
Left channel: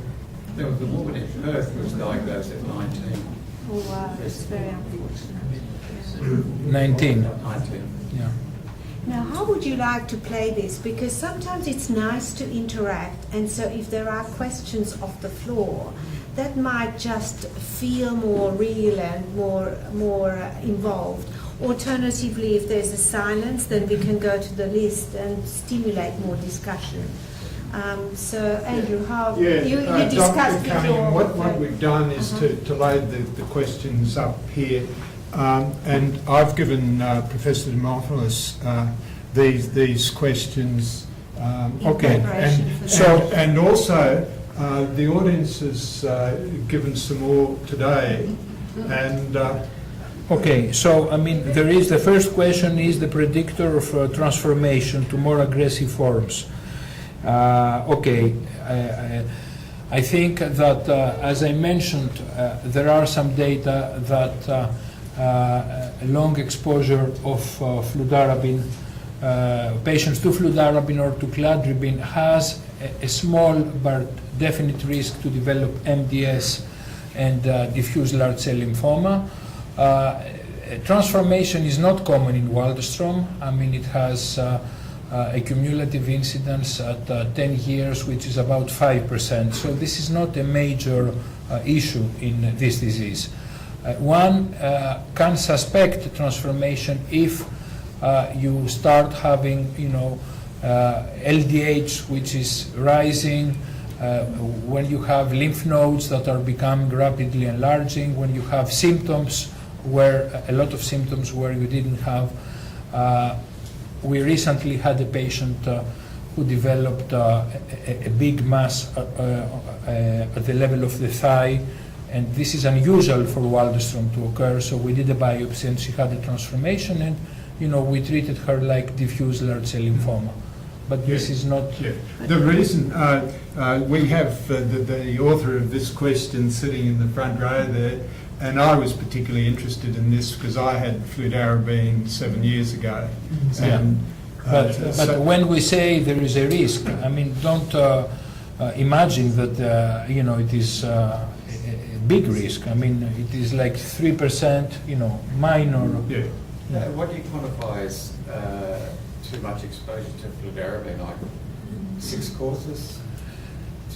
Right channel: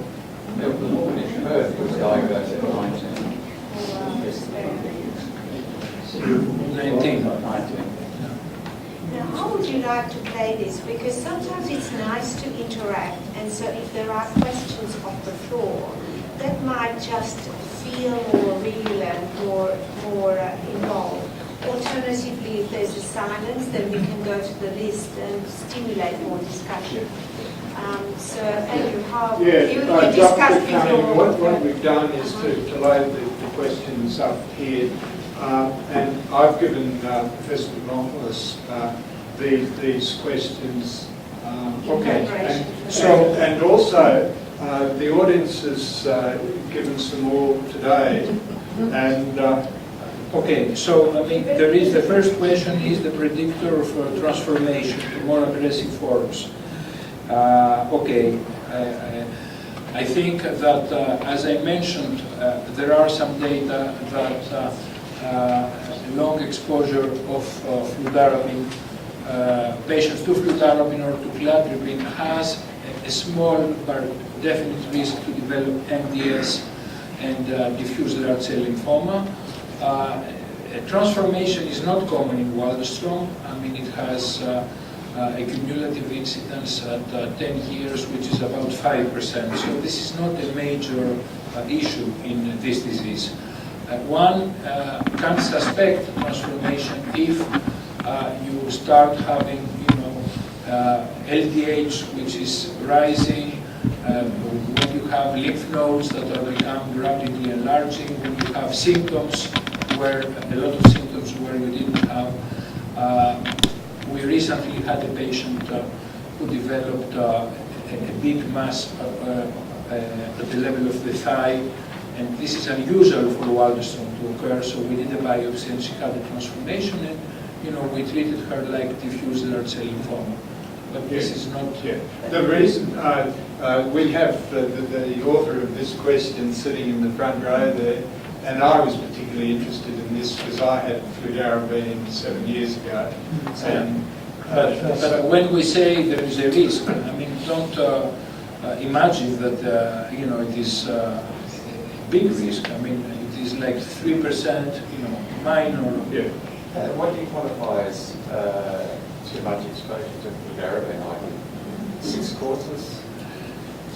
The woman in Perth was diagnosed at 19. oh, wow, that's very 19. Yeah. Now, how would you like to play this? Because sometimes it's nice to interact, and so if there are questions off the floor, that might just feel more real and more involved. Alternatively, if there's a silence, then we can go to the list and stimulate more discussion. So, Andrew, how you Dr. discussed Cunningham, before. what we've done is to load the questions up here. And I've given Professor Dimopoulos these questions. Okay. And also, the audience has given some more today. And Okay, so there is the first question is the predictor of transformation to more aggressive forms. I think that, as I mentioned, there are some data that long exposure of fludarabine, patients to fludarabine or to cladribine has a small but definite risk to develop MDS and diffuse large cell lymphoma. Transformation is not common in Waldenstrom. It has a cumulative incidence at 10 years, which is about 5%. So this is not a major issue in this disease. One can suspect transformation if you start having, LDH which is rising, when you have lymph nodes that are becoming rapidly enlarging, when you have symptoms where a lot of symptoms where you didn't have. We recently had a patient who developed a big mass at the level of the thigh, and this is unusual for Waldenstrom to occur, so we did a biopsy and she had a transformation, and we treated her like diffuse large cell lymphoma. But this is not... The reason we have the author of this question sitting in the front row there, and I was particularly interested in this because I had fludarabine 7 years ago. And, but when we say there is a risk, don't imagine that it is a big risk. It is like 3%, minor. What do you qualify as too much exposure to fludarabine? Like 6 courses?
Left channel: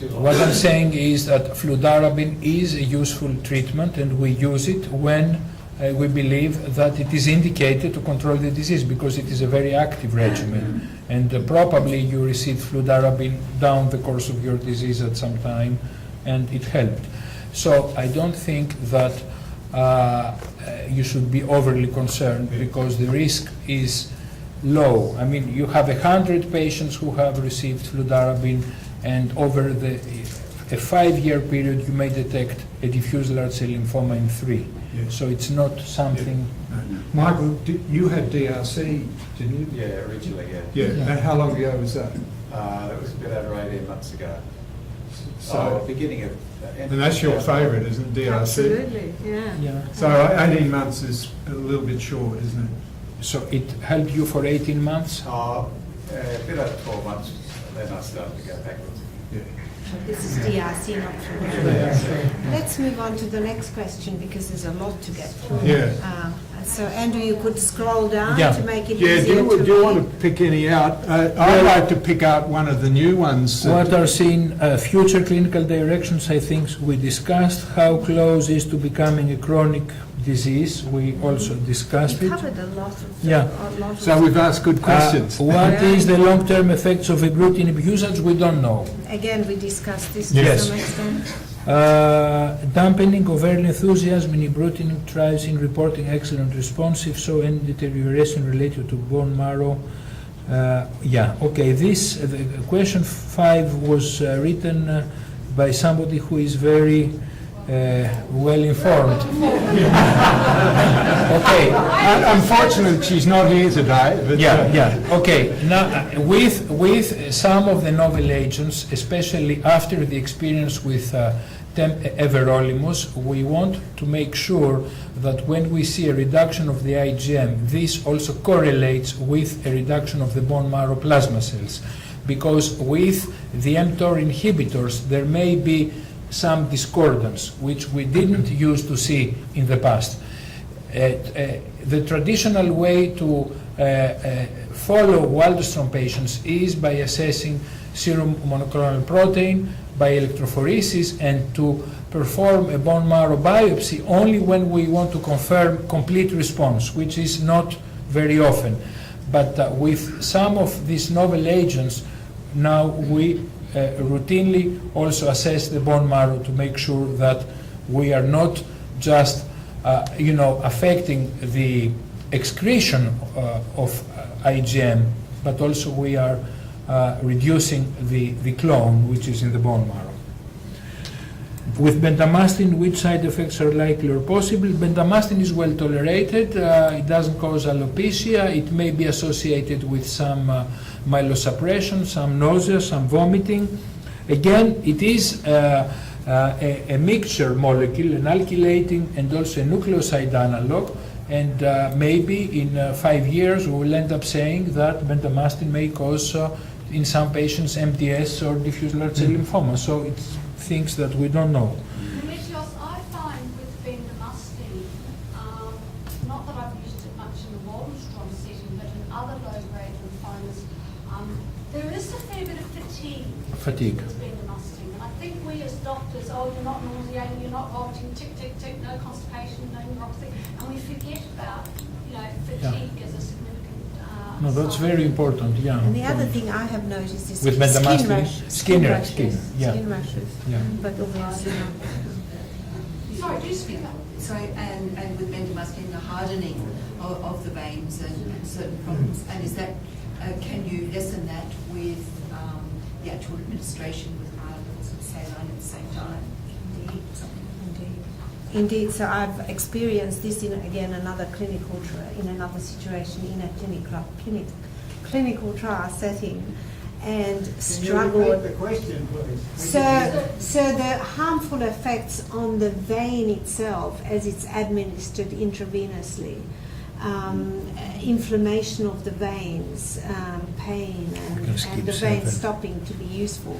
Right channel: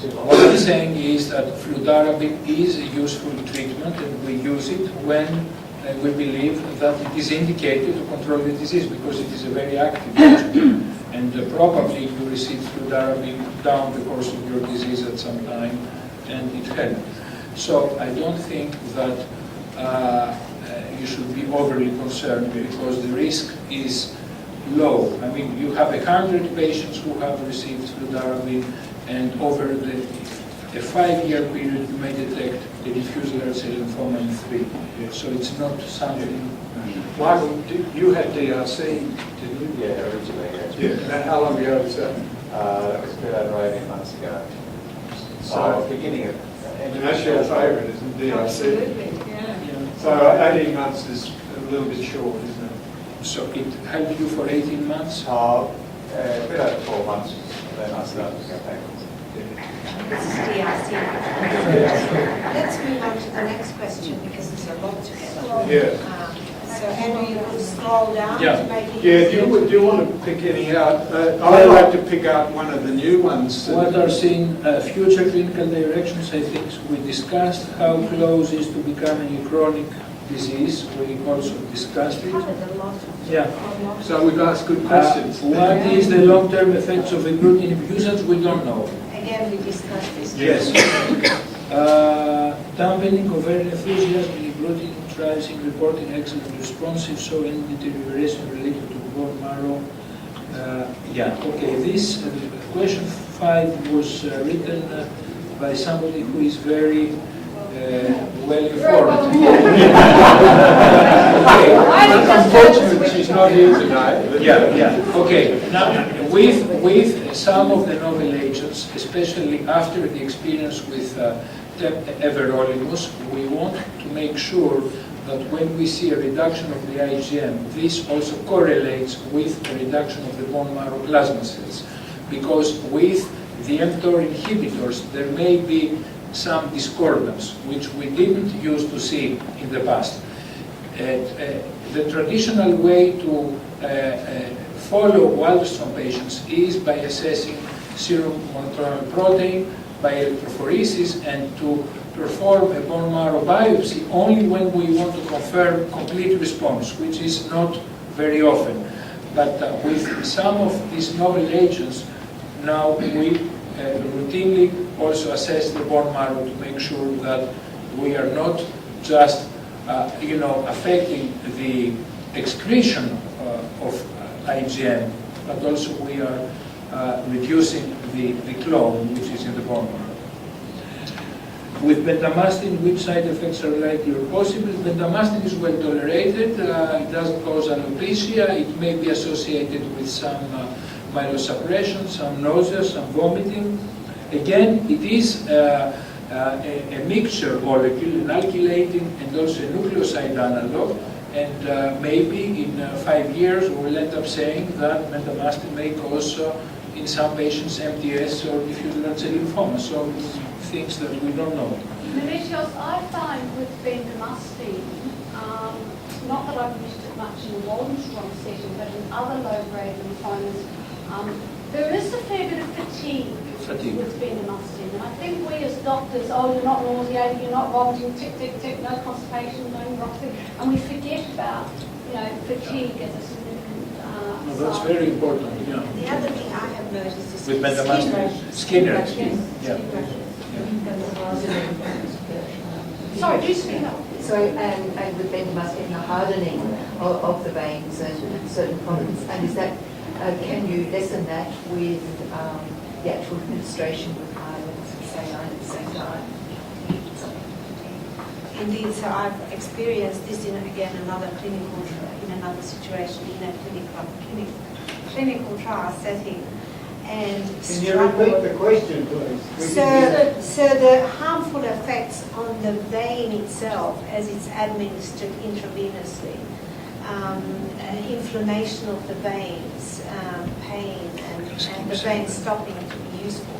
What I'm saying is that fludarabine is a useful treatment, and we use it when we believe that it is indicated to control the disease, because it is a very active regimen. And probably you receive fludarabine down the course of your disease at some time, and it helped. So I don't think that you should be overly concerned, because the risk is low. You have 100 patients who have received fludarabine, and over the 5-year period you may detect a diffuse large cell lymphoma in 3. So it's not something... Michael, you had DRC, didn't you? Yeah, originally, And how long ago was that? that was a bit over 18 months ago. So, beginning of... and that's your favourite, isn't it, DRC? Absolutely, yeah. So 18 months is a little bit short, isn't it? So it helped you for 18 months? A bit over 12 months, then I started to go back. This is DRC. Let's move on to the next question, because there's a lot to get through. Yeah. So So Andrew, you could scroll down Yeah. to make it Yeah, easier. do you want to pick any out? I'd like to pick out one of the new ones. What are seen future clinical directions? I think we discussed how close is to becoming a chronic disease. We also discussed it. Covered a lot of Yeah. So we've asked good questions. What is the long-term effects of agglutinin usage? We don't know. Again, we discussed this. Yes. Dampening ovarian enthusiasm in agglutinin trials in reporting excellent response, if so, any deterioration related to bone marrow. Yeah, okay, this, question 5 was written by somebody who is very well informed. Unfortunately, she's not here tonight. But Yeah. Okay. Now, with some of the novel agents, especially after the experience with everolimus, we want to make sure that when we see a reduction of the IgM, this also correlates with a reduction of the bone marrow plasma cells, because with the mTOR inhibitors, there may be some discordance, which we didn't used to see in the past. The traditional way to follow Waldenstrom patients is by assessing serum monoclonal protein by electrophoresis and to perform a bone marrow biopsy only when we want to confirm complete response, which is not very often. But with some of these novel agents, now we routinely also assess the bone marrow to make sure that we are not just affecting the excretion of IgM, but also we are reducing the clone which is in the bone marrow. With bendamustine, which side effects are likely or possible? Bendamustine is well tolerated. It doesn't cause alopecia. It may be associated with some myelosuppression, some nausea, some vomiting. Again, it is a mixture molecule, an alkylating and also a nucleoside analog. And maybe in 5 years we will end up saying that bendamustine may cause, in some patients, MDS or diffuse large cell lymphoma. So it's things that we don't know. Mauritius, I find with bendamustine, not that I've used it much in a Waldenstrom setting, but in other low-grade lymphomas, there is a fair bit of fatigue with bendamustine. And I think we as doctors, you're not nauseated, you're not vomiting, tick, tick, tick, no constipation, no neuropathy, and we forget about, fatigue as a significant No, that's sign. very important, yeah. And the other thing I have noticed is With skin bendamustine, rashes. skin rashes, skin, yeah. Skin rashes. Yeah. But Sorry, do speak up. So, and with bendamustine, the hardening of the veins and certain problems, and is that, can you lessen that with the actual administration with iodines and saline at the same time? Indeed, so I've experienced this in, again, in another situation, in a clinical trial setting, and Can you struggled. repeat the question, please? So the harmful effects on the vein itself as it's administered intravenously, inflammation of the veins, pain, and the vein stopping to be useful.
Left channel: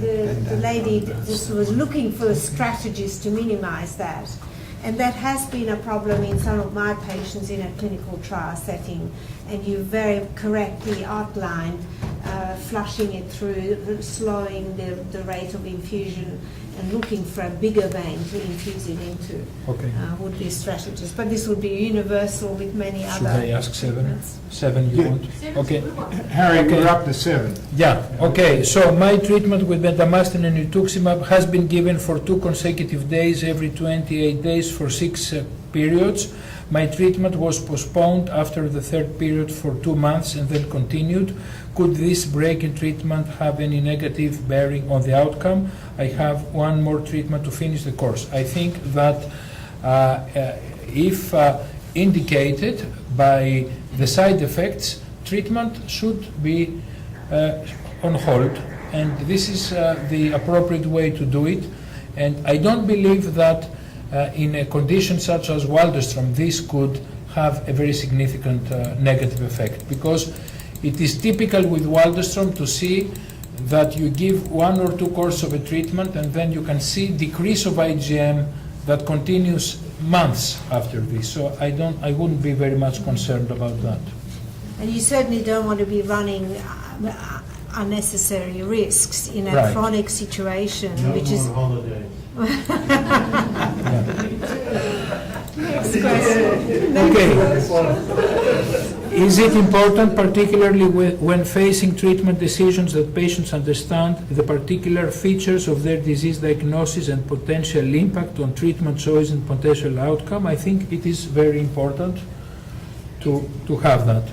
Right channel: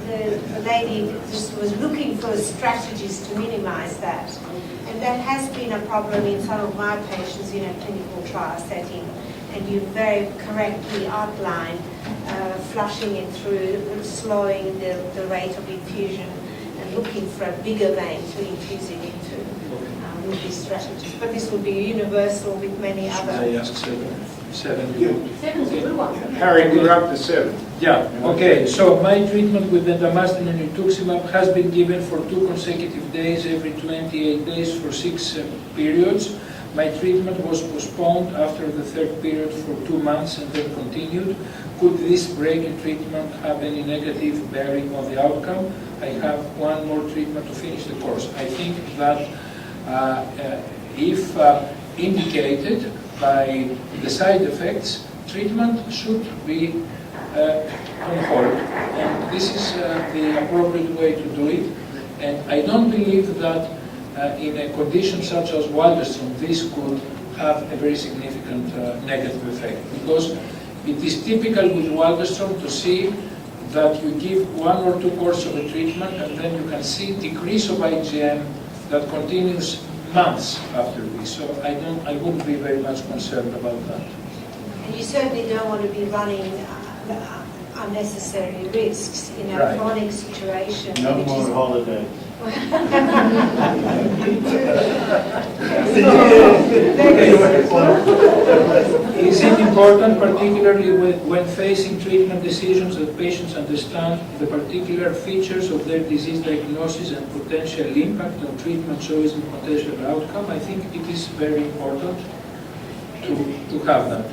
The lady just was looking for strategies to minimize that. And that has been a problem in some of my patients in a clinical trial setting. And you very correctly outlined flushing it through, slowing the rate of infusion, and looking for a bigger vein to infuse it into. Okay. Would be strategies. But this will be universal with many Should other. I ask 7? 7? Seven's a Okay. good one. Harry, conduct the 7. Yeah, okay, so my treatment with bendamustine and rituximab has been given for 2 consecutive days, every 28 days for 6 periods. My treatment was postponed after the 3rd period for 2 months and then continued. Could this break in treatment have any negative bearing on the outcome? I have 1 more treatment to finish the course. I think that if indicated by the side effects, treatment should be on hold, and this is the appropriate way to do it. And I don't believe that in a condition such as Waldenstrom, this could have a very significant negative effect, because it is typical with Waldenstrom to see that you give 1 or 2 courses of a treatment and then you can see decrease of IgM that continues months after this, so I wouldn't be very much concerned about that. And you certainly don't want to be running unnecessary risks in a Right. chronic situation. No which more is holidays. Is it important, particularly when facing treatment decisions, that patients understand the particular features of their disease diagnosis and potential impact on treatment choice and potential outcome? I think it is very important to have that.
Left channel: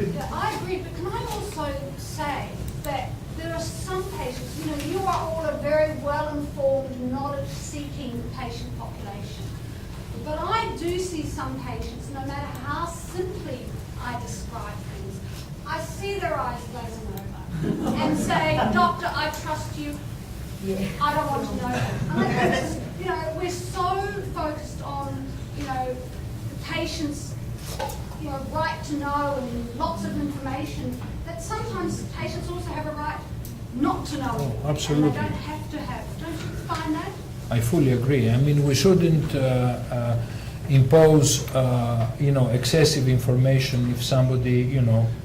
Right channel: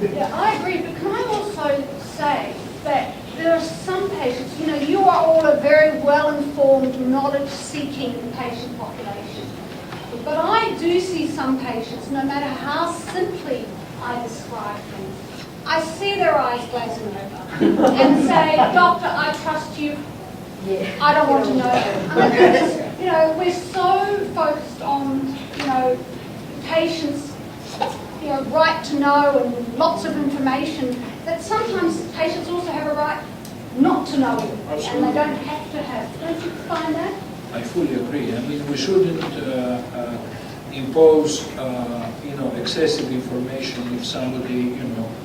Yeah, I agree, but can I also say that there are some patients, you are all a very well-informed, knowledge-seeking patient population. But I do see some patients, no matter how simply I describe things, I see their eyes glazing over and say, "Doctor, I trust you. I don't want to know." And we're so focused on, patients, right to know and lots of information, that sometimes patients also have a right not to know everything, Absolutely. and they don't have to have. Don't you find that? I fully agree. I mean, we shouldn't impose, excessive information if somebody,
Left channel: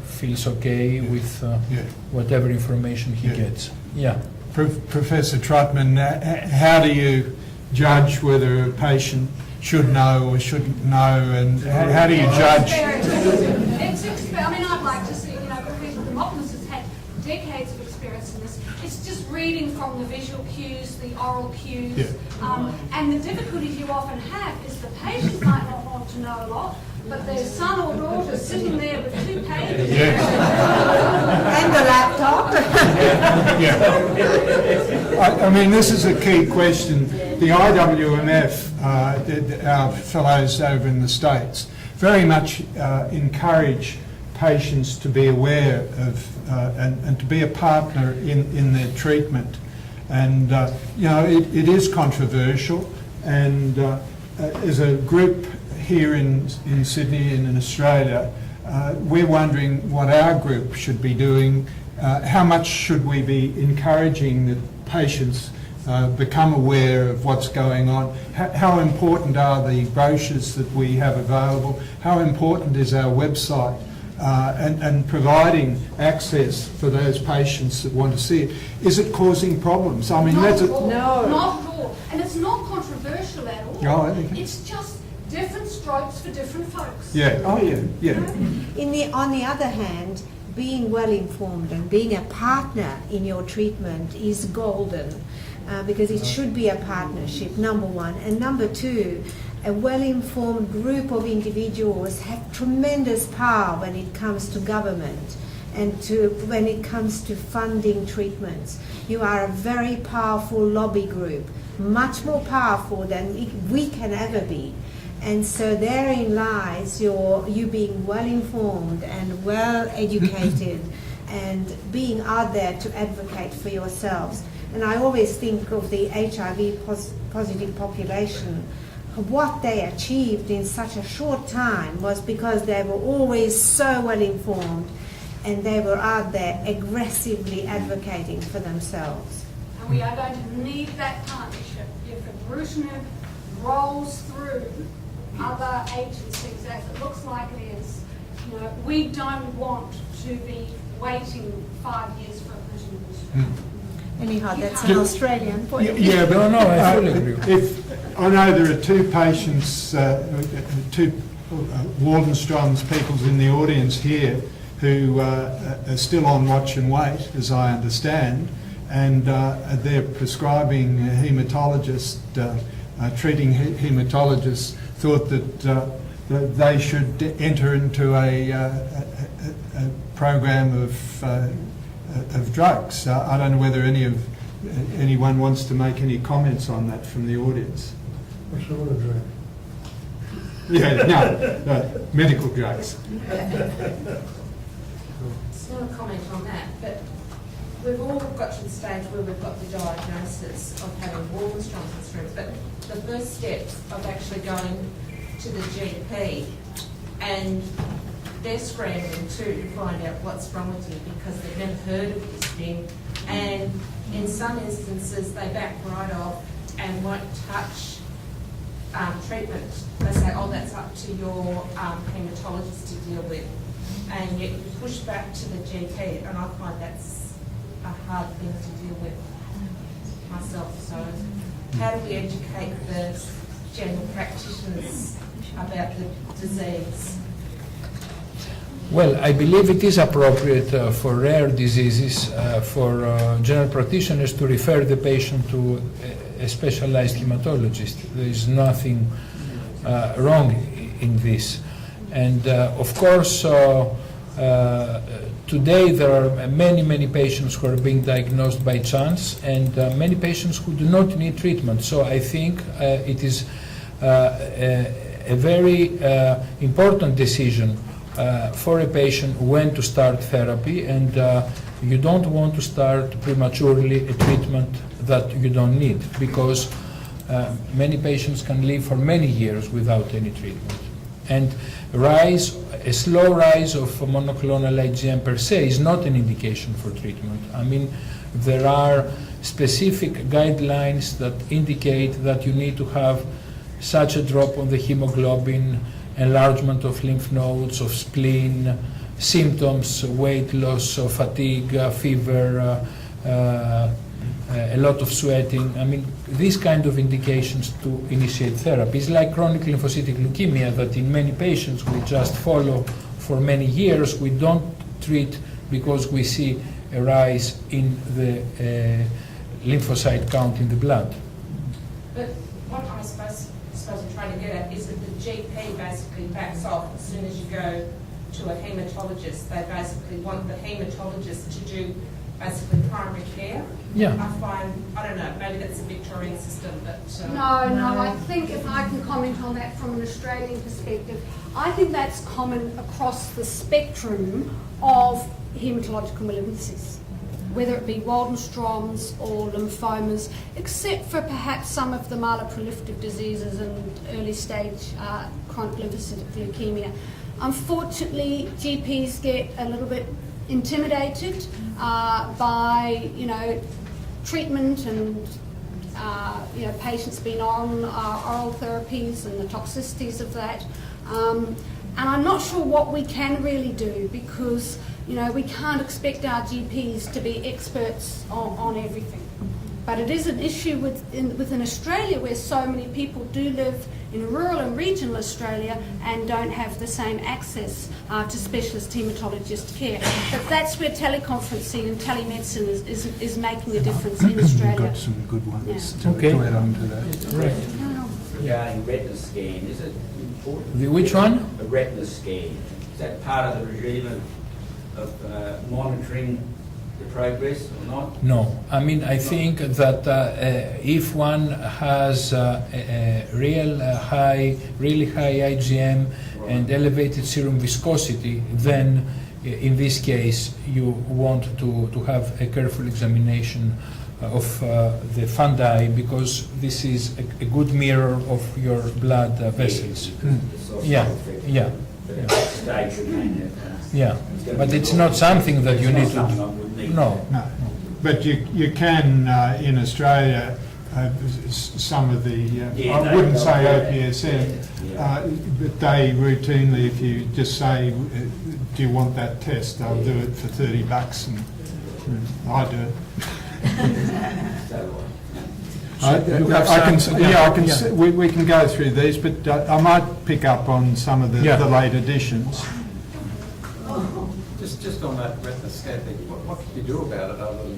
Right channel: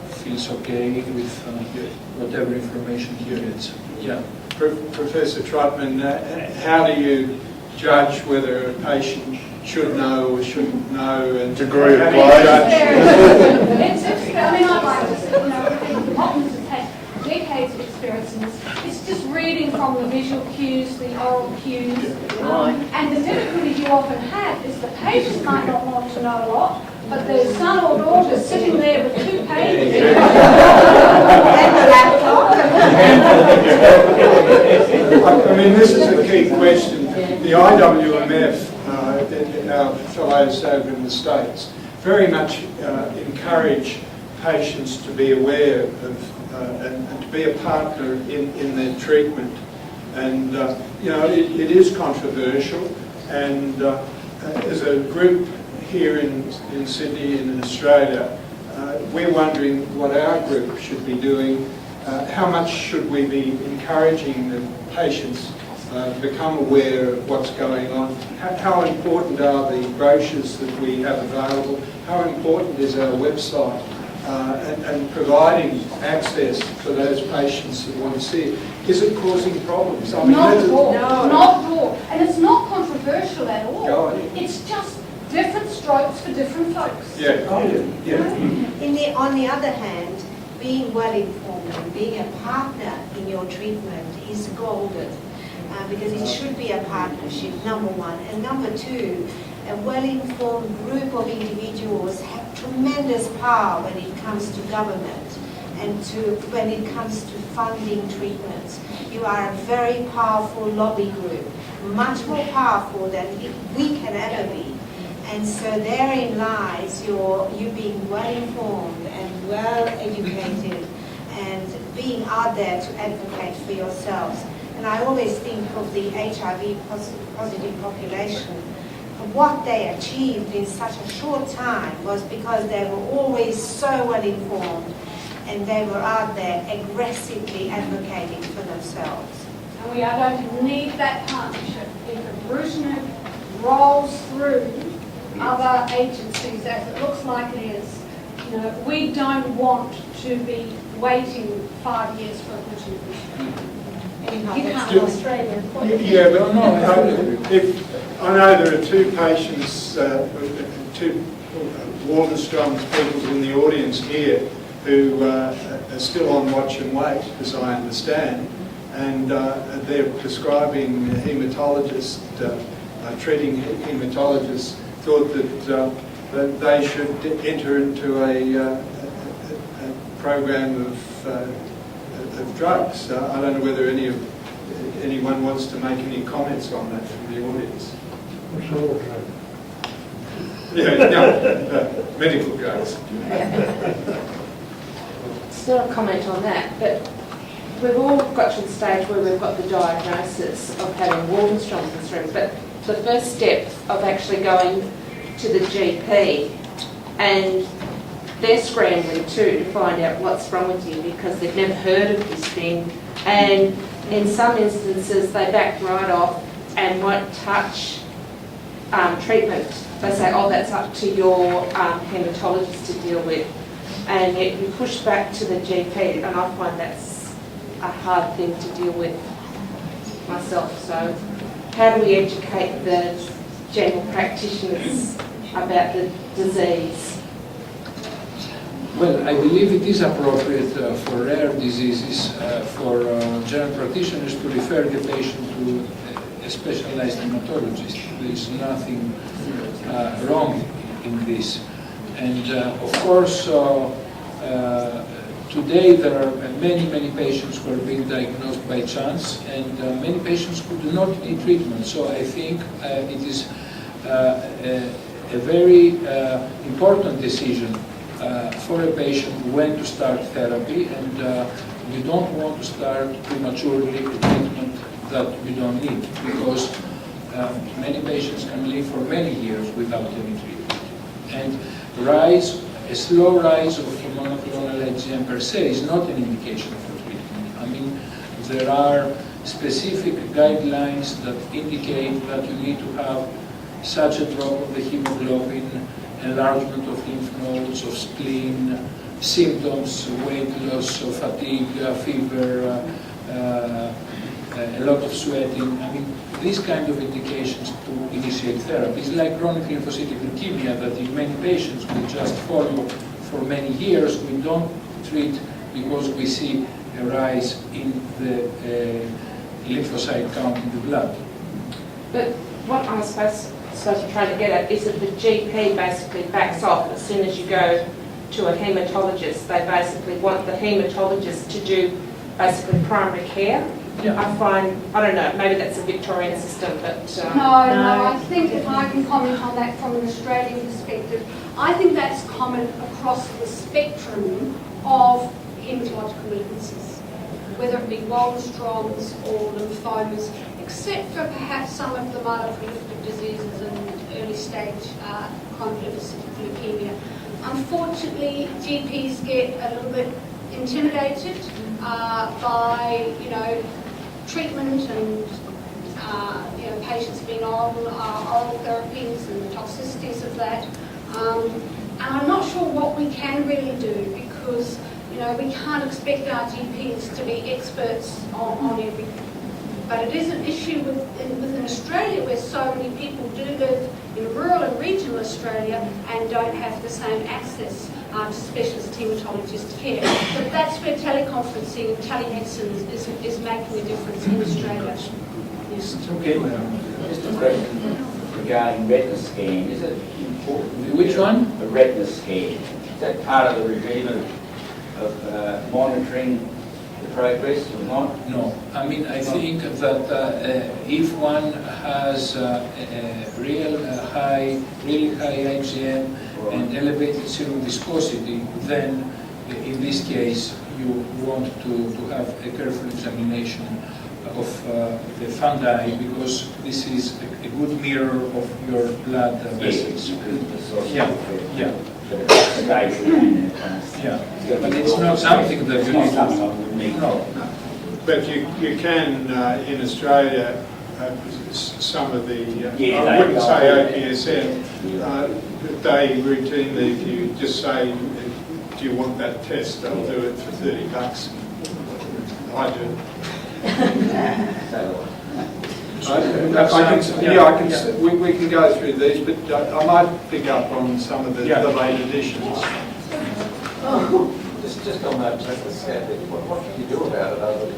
feels okay with whatever information he gets. Yeah. Professor Trotman, how do you judge whether a patient should know or shouldn't know, and Degree how do you of judge? I'd like to say, M Dimopoulos has had decades of experience in this. It's just reading from the visual cues, the oral cues. And the difficulty you often have is the patient might not want to know a lot, but their son or daughter sitting there with 2 pages. and the laptop. I mean, this is a key question. The IWMF, our fellows over in the States, very much encourage patients to be aware of and to be a partner in their treatment. And, it is controversial, and as a group here in Sydney and in Australia, we're wondering what our group should be doing. How much should we be encouraging the patients become aware of what's going on? How important are the brochures that we have available? How important is our website? And providing access for those patients that want to see it. Is it causing problems? I mean, Not that's at all. No. Not at all. And it's not controversial at all. Yeah. It's just different strokes for different folks. Yeah. Oh, yeah. On the other hand, being well informed and being a partner in your treatment is golden, because it should be a partnership, number one. And number two, a well-informed group of individuals have tremendous power when it comes to government and when it comes to funding treatments. You are a very powerful lobby group, much more powerful than we can ever be. And so therein lies you being well-informed and well-educated and being out there to advocate for yourselves. And I always think of the HIV positive population. What they achieved in such a short time was because they were always so well informed and they were out there aggressively advocating for themselves. And we are going to need that partnership. If Brucenet rolls through other agencies, as it looks like it is, we don't want to be waiting 5 years for a Brucenet. Anyhow, You that's can't. an Australian point. Yeah, but No, I fully agree. I know there are 2 patients, 2 Waldenstrom's people in the audience here who are still on watch and wait, as I understand, and they're prescribing haematologists, treating haematologists thought that they should enter into a program of drugs. I don't know whether anyone wants to make any comments on that from the audience. Yeah, no, medical drugs. It's not a comment on that, but we've all got to the stage where we've got the diagnosis of having Waldenstrom's syndrome, but the first step of actually going to the GP, and they're scrambling too to find out what's wrong with you because they've never heard of this thing, and in some instances they back right off and won't touch treatment, they say, oh, that's up to your haematologist to deal with. And yet you push back to the GP, and I find that's a hard thing to deal with myself. So how do we educate the general practitioners about the disease? Well, I believe it is appropriate for rare diseases for general practitioners to refer the patient to a specialized hematologist. There is nothing wrong in this. And of course, today there are many patients who are being diagnosed by chance, and many patients who do not need treatment. So I think it is a very important decision for a patient when to start therapy, and you don't want to start prematurely a treatment that you don't need, because many patients can live for many years without any treatment. And a slow rise of monoclonal IgM per se is not an indication for treatment. I mean, there are specific guidelines that indicate that you need to have such a drop of the hemoglobin, enlargement of lymph nodes, of spleen, symptoms, weight loss, of fatigue, fever, a lot of sweating. I mean, these kind of indications to initiate therapy. It's like chronic lymphocytic leukemia that in many patients we just follow for many years. We don't treat because we see a rise in the lymphocyte count in the blood. But what I'm supposed to try to get at is that the GP basically backs off as soon as you go to a haematologist. They basically want the haematologist to do basically primary care. Yeah. I find, I don't know, maybe that's a Victorian system, but... No, I think if I can comment on that from an Australian perspective, I think that's common across the spectrum of haematological malignancies, whether it be Waldenstrom's or lymphomas, except for perhaps some of the myeloproliferative diseases and early stage chronic lymphocytic leukemia. Unfortunately, GPs get a little bit intimidated by, treatment and, patients being on oral therapies and the toxicities of that. And I'm not sure what we can really do, because, we can't expect our GPs to be experts on everything. But it is an issue within Australia, where so many people do live in rural and regional Australia and don't have the same access to specialist haematologist care. But that's where teleconferencing and telemedicine is making a difference in Australia. Okay. Regarding retina scan, is it important? Which one? The retina scan. Is that part of the regime of monitoring the progress or not? No. I mean, I think that if one has a really high IgM and elevated serum viscosity, then in this case you want to have a careful examination of the fundi, because this is a good mirror of your blood vessels. Yeah. Yeah, but it's not something that you need to... No. But you can, in Australia, some of the, I wouldn't say OPSM, but they routinely, if you just say, do you want that test, they'll do it for $30 and I do. We can go through these, but I might pick up on some of the late additions. Just on that retina scan, what can you do about it other than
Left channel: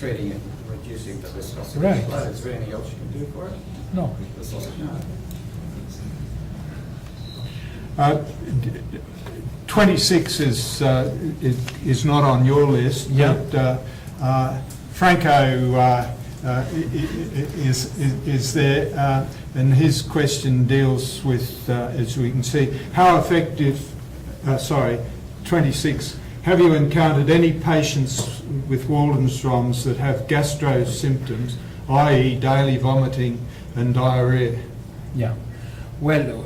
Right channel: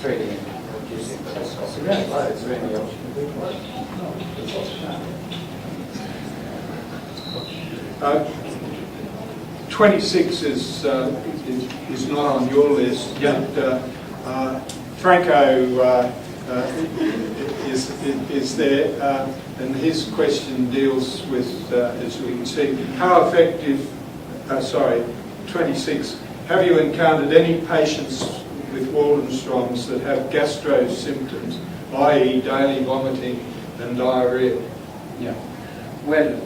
treating and reducing the viscosity? Right. Is there any option to do No. 26 is not on your list, but Franco is there, and his question deals with, as we can see, how effective, 26, have you encountered any patients with Waldenstrom's that have gastro symptoms, i.e. daily vomiting and diarrhea? Yeah. Well,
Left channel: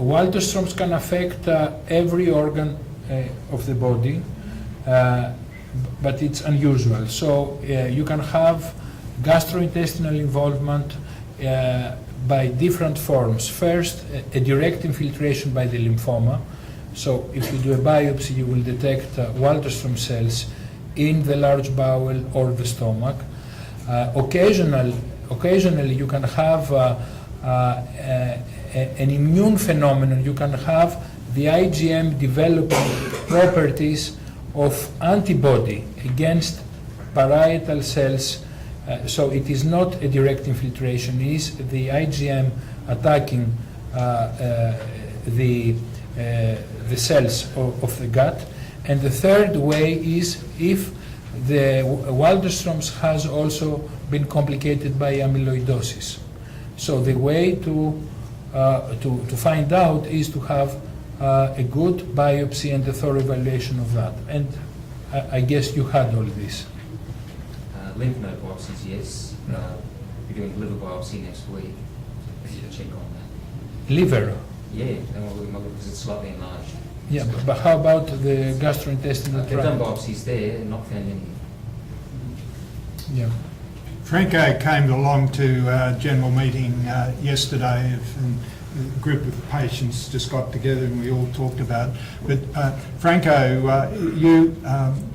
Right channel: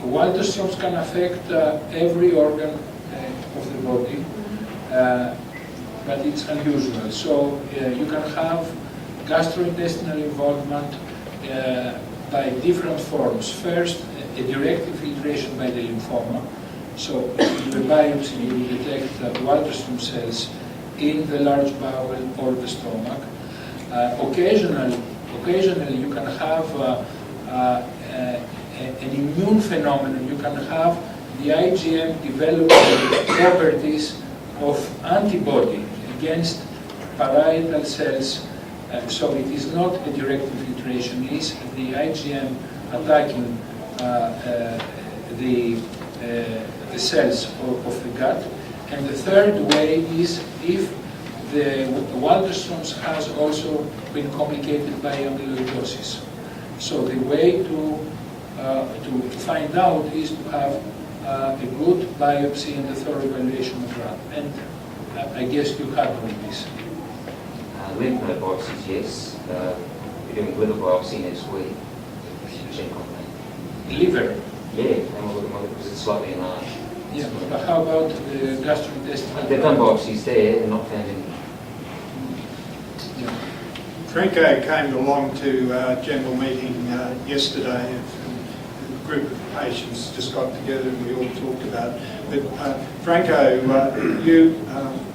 Waldenstrom's can affect every organ of the body, but it's unusual. So you can have gastrointestinal involvement, by different forms. First, a direct infiltration by the lymphoma. So if you do a biopsy, you will detect Waldenstrom cells in the large bowel or the stomach. Occasionally you can have an immune phenomenon. You can have the IgM developing properties of antibody against parietal cells. So it is not a direct infiltration, it is the IgM attacking the cells of the gut. And the third way is if the Waldenstrom's has also been complicated by amyloidosis. So the way to find out is to have a good biopsy and a thorough evaluation of that. And I guess you had all of this. Lymph node biopsies, yes. We're doing liver biopsy next week. Check on that. Liver? Yeah, because it's slightly enlarged. Yeah, but how about the gastrointestinal? They've done biopsies there and not found any. Yeah. Franco came along to our general meeting yesterday. A group of patients just got together and we all talked about it. But Franco,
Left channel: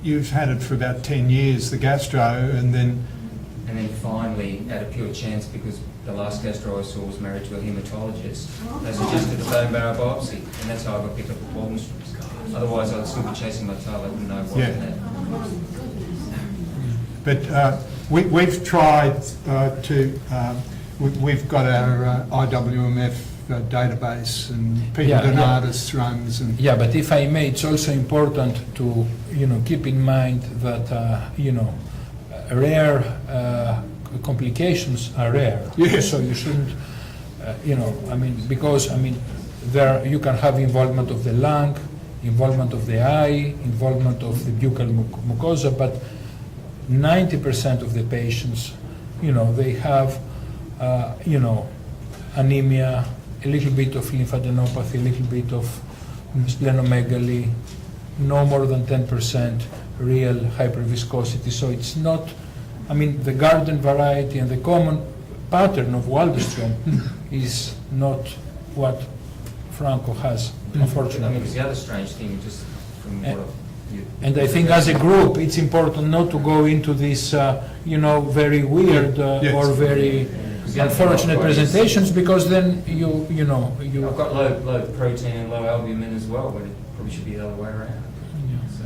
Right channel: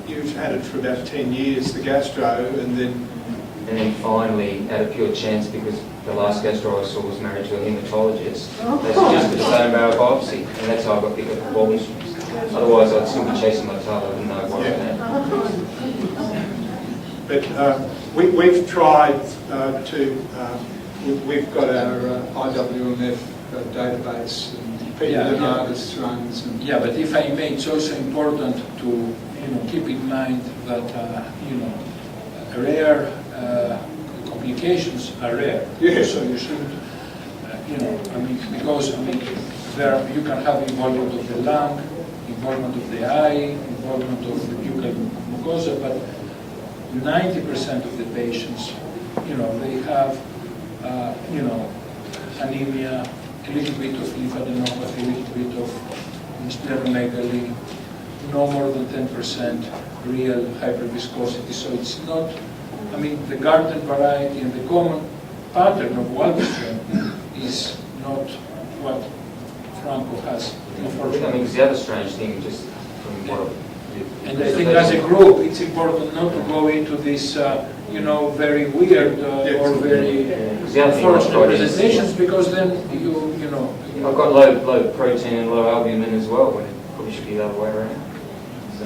you've had it for about 10 years, the gastro, and then finally, out of pure chance, because the last gastro I saw was married to a haematologist, they suggested a bone marrow biopsy, and that's how I got picked up the Waldenstrom's. Otherwise, I'd still be chasing my tail. I wouldn't know what But we've tried we've got our IWMF database and Peter Bernardus runs. And yeah, but if I may, it's also important to keep in mind that rare complications are rare. Yes. So you shouldn't, because there you can have involvement of the lung, involvement of the eye, involvement of the buccal mucosa, but 90% of the patients, they have, anemia, a little bit of lymphadenopathy, a little bit of splenomegaly, no more than 10% real hyperviscosity. So it's not, the garden variety and the common pattern of Waldenstrom is not what Franco has, unfortunately. Because the other strange thing, just from what and I think as a group, it's important not to go into this, very weird or very unfortunate presentations, because then I've got low protein and low albumin as well, when it probably should be the other way around. So.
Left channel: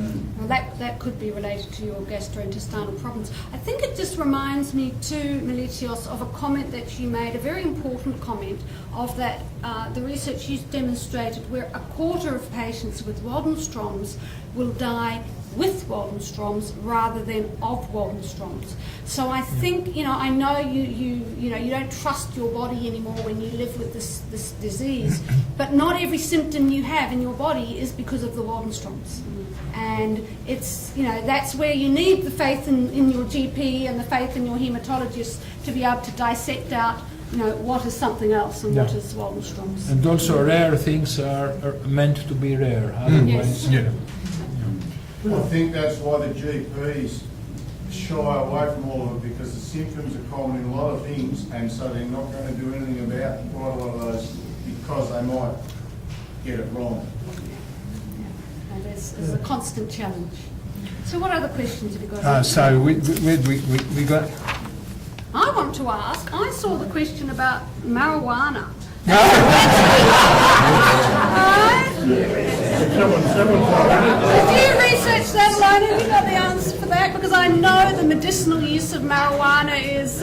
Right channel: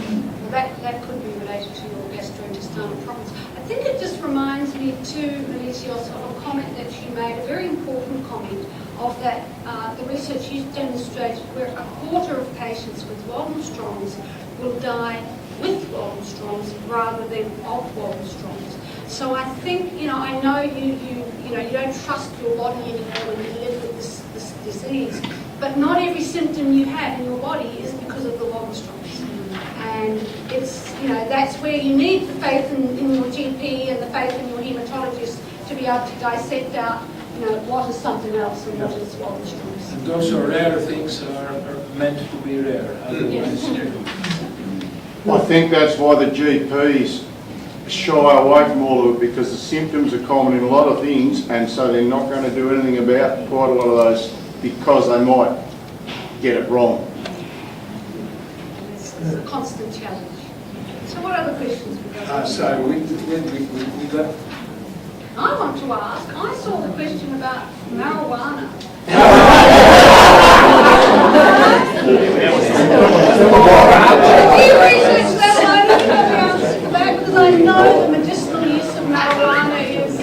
That could be related to your gastrointestinal problems. I think it just reminds me too, Melitios, of a comment that you made, a very important comment, of that the research you demonstrated where a quarter of patients with Waldenstrom's will die with Waldenstrom's rather than of Waldenstrom's. So I think, I know you don't trust your body anymore when you live with this disease, but not every symptom you have in your body is because of the Waldenstrom's. And it's, that's where you need the faith in your GP and the faith in your haematologist to be able to dissect out, what is something else and what is Waldenstrom's. And also rare things are meant to be rare. Otherwise, I think that's why the GPs shy away from all of it, because the symptoms are common in a lot of things, and so they're not going to do anything about quite a lot of those because they might get it wrong. It's a constant challenge. So what other questions have we got? So we got. I want to ask, I saw the question about marijuana. Do you research that one? Have you got the answer for that? Because I know the medicinal use of marijuana is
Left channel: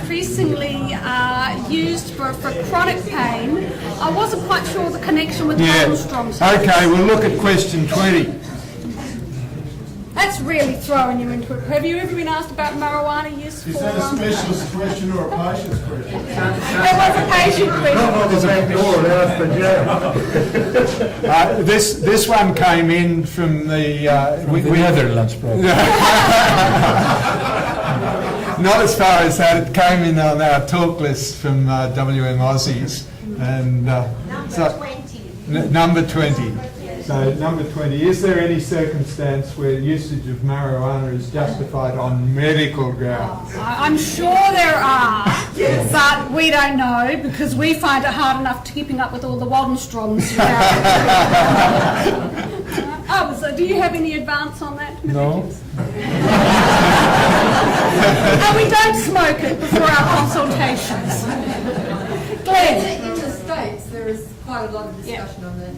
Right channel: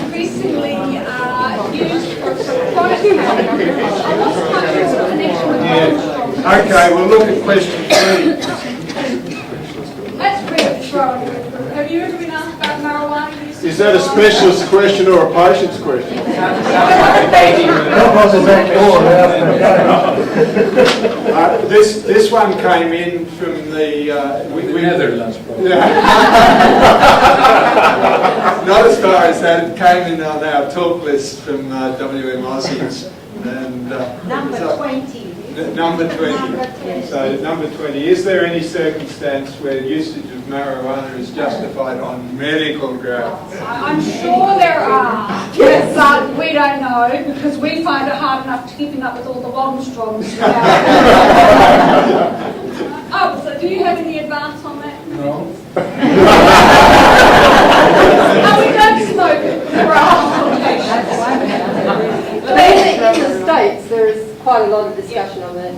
increasingly used for chronic pain. I wasn't quite sure the connection with Waldenstrom's. Okay, we'll look at question 3. That's really throwing you into it. Have you ever been asked about marijuana use? Is that a specialist question or a patient's question? This one came in from the Netherlands, probably. Not as far as that. It came in on our talk list from WM Aussies. And Number 20. Number 20. So number 20, is there any circumstance where usage of marijuana is justified on medical grounds? I'm sure there are, but we don't know because we find it hard enough keeping up with all the Waldenstrongs. Oh, so do you have any advance on that? No? No, we don't smoke it before our consultations. In the States, there is quite a lot of discussion on the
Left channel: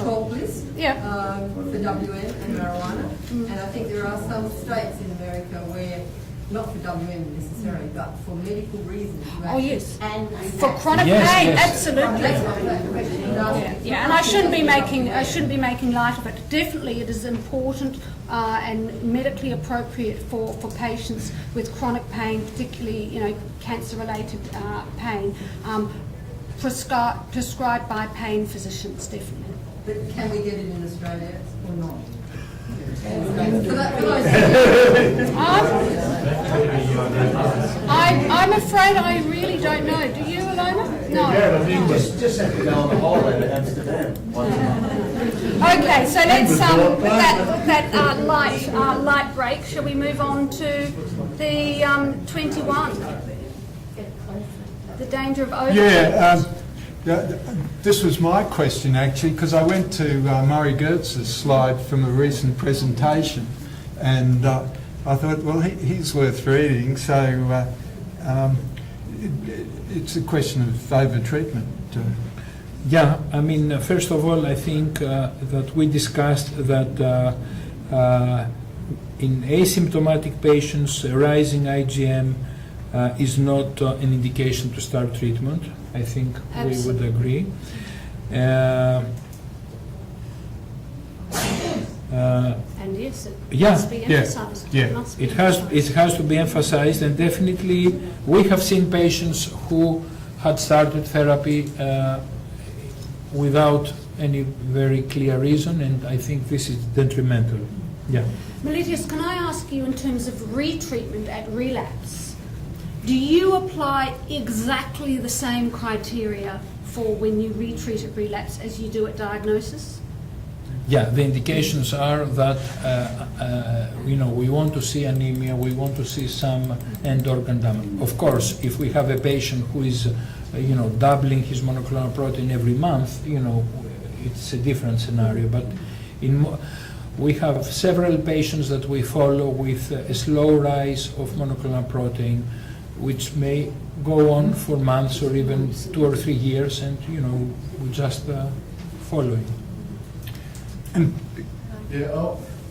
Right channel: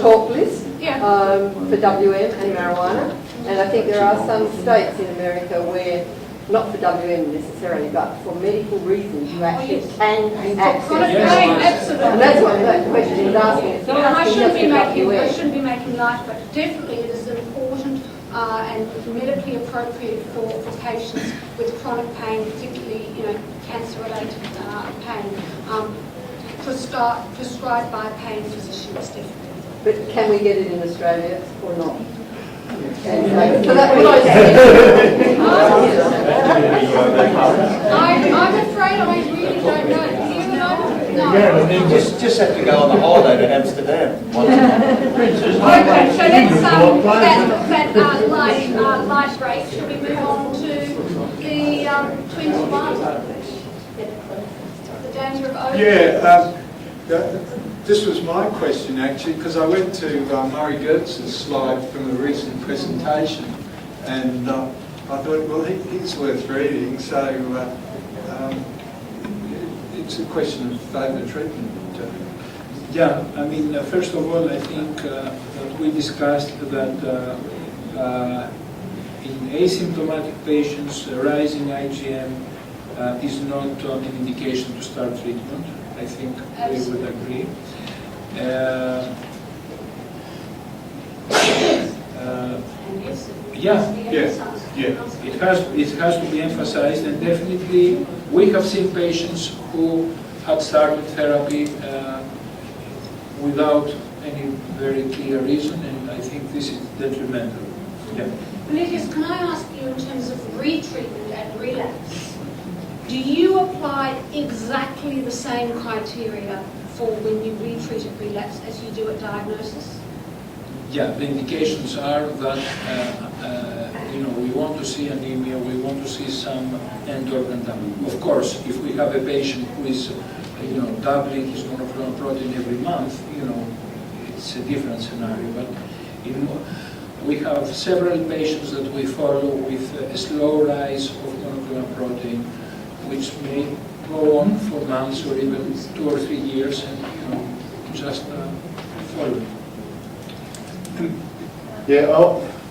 talk list for WM and marijuana. And I think there are some states in America where, not for WM necessarily, but for medical reasons, you actually can For chronic pain, absolutely. And that's what that question is asking. It's not Yeah, I asking shouldn't just be for making, I WM. shouldn't be making light of it. Definitely, it is important and medically appropriate for patients with chronic pain, particularly, cancer-related pain, prescribed by pain physicians, definitely. But can we get it in Australia or not? I'm afraid I really don't know. Do you know? No. Just have to go on a holiday to Amsterdam. Okay, so let's that light break. Shall we move on to the 21? The danger of overdose. This was my question actually, because I went to Murray Gertz's slide from a recent presentation, and I thought, well, he's worth reading. So it's a question of over-treatment. Yeah, I mean, first of all, I think that we discussed that in asymptomatic patients, rising IgM is not an indication to start treatment. I think Absolutely. we would agree. And yes, it Yeah, must be emphasized. It has to be emphasized, and definitely we have seen patients who had started therapy without any very clear reason, and I think this is detrimental. Yeah. Meletius, can I ask you in terms of retreatment and relapse, do you apply exactly the same criteria for when you retreat at relapse as you do at diagnosis? Yeah, the indications are that we want to see anemia, we want to see some end-organ damage. Of course, if we have a patient who is doubling his monoclonal protein every month, it's a different scenario. But we have several patients that we follow with a slow rise of monoclonal protein, which may go on for months or even 2 or 3 years, and we just follow it. Yeah,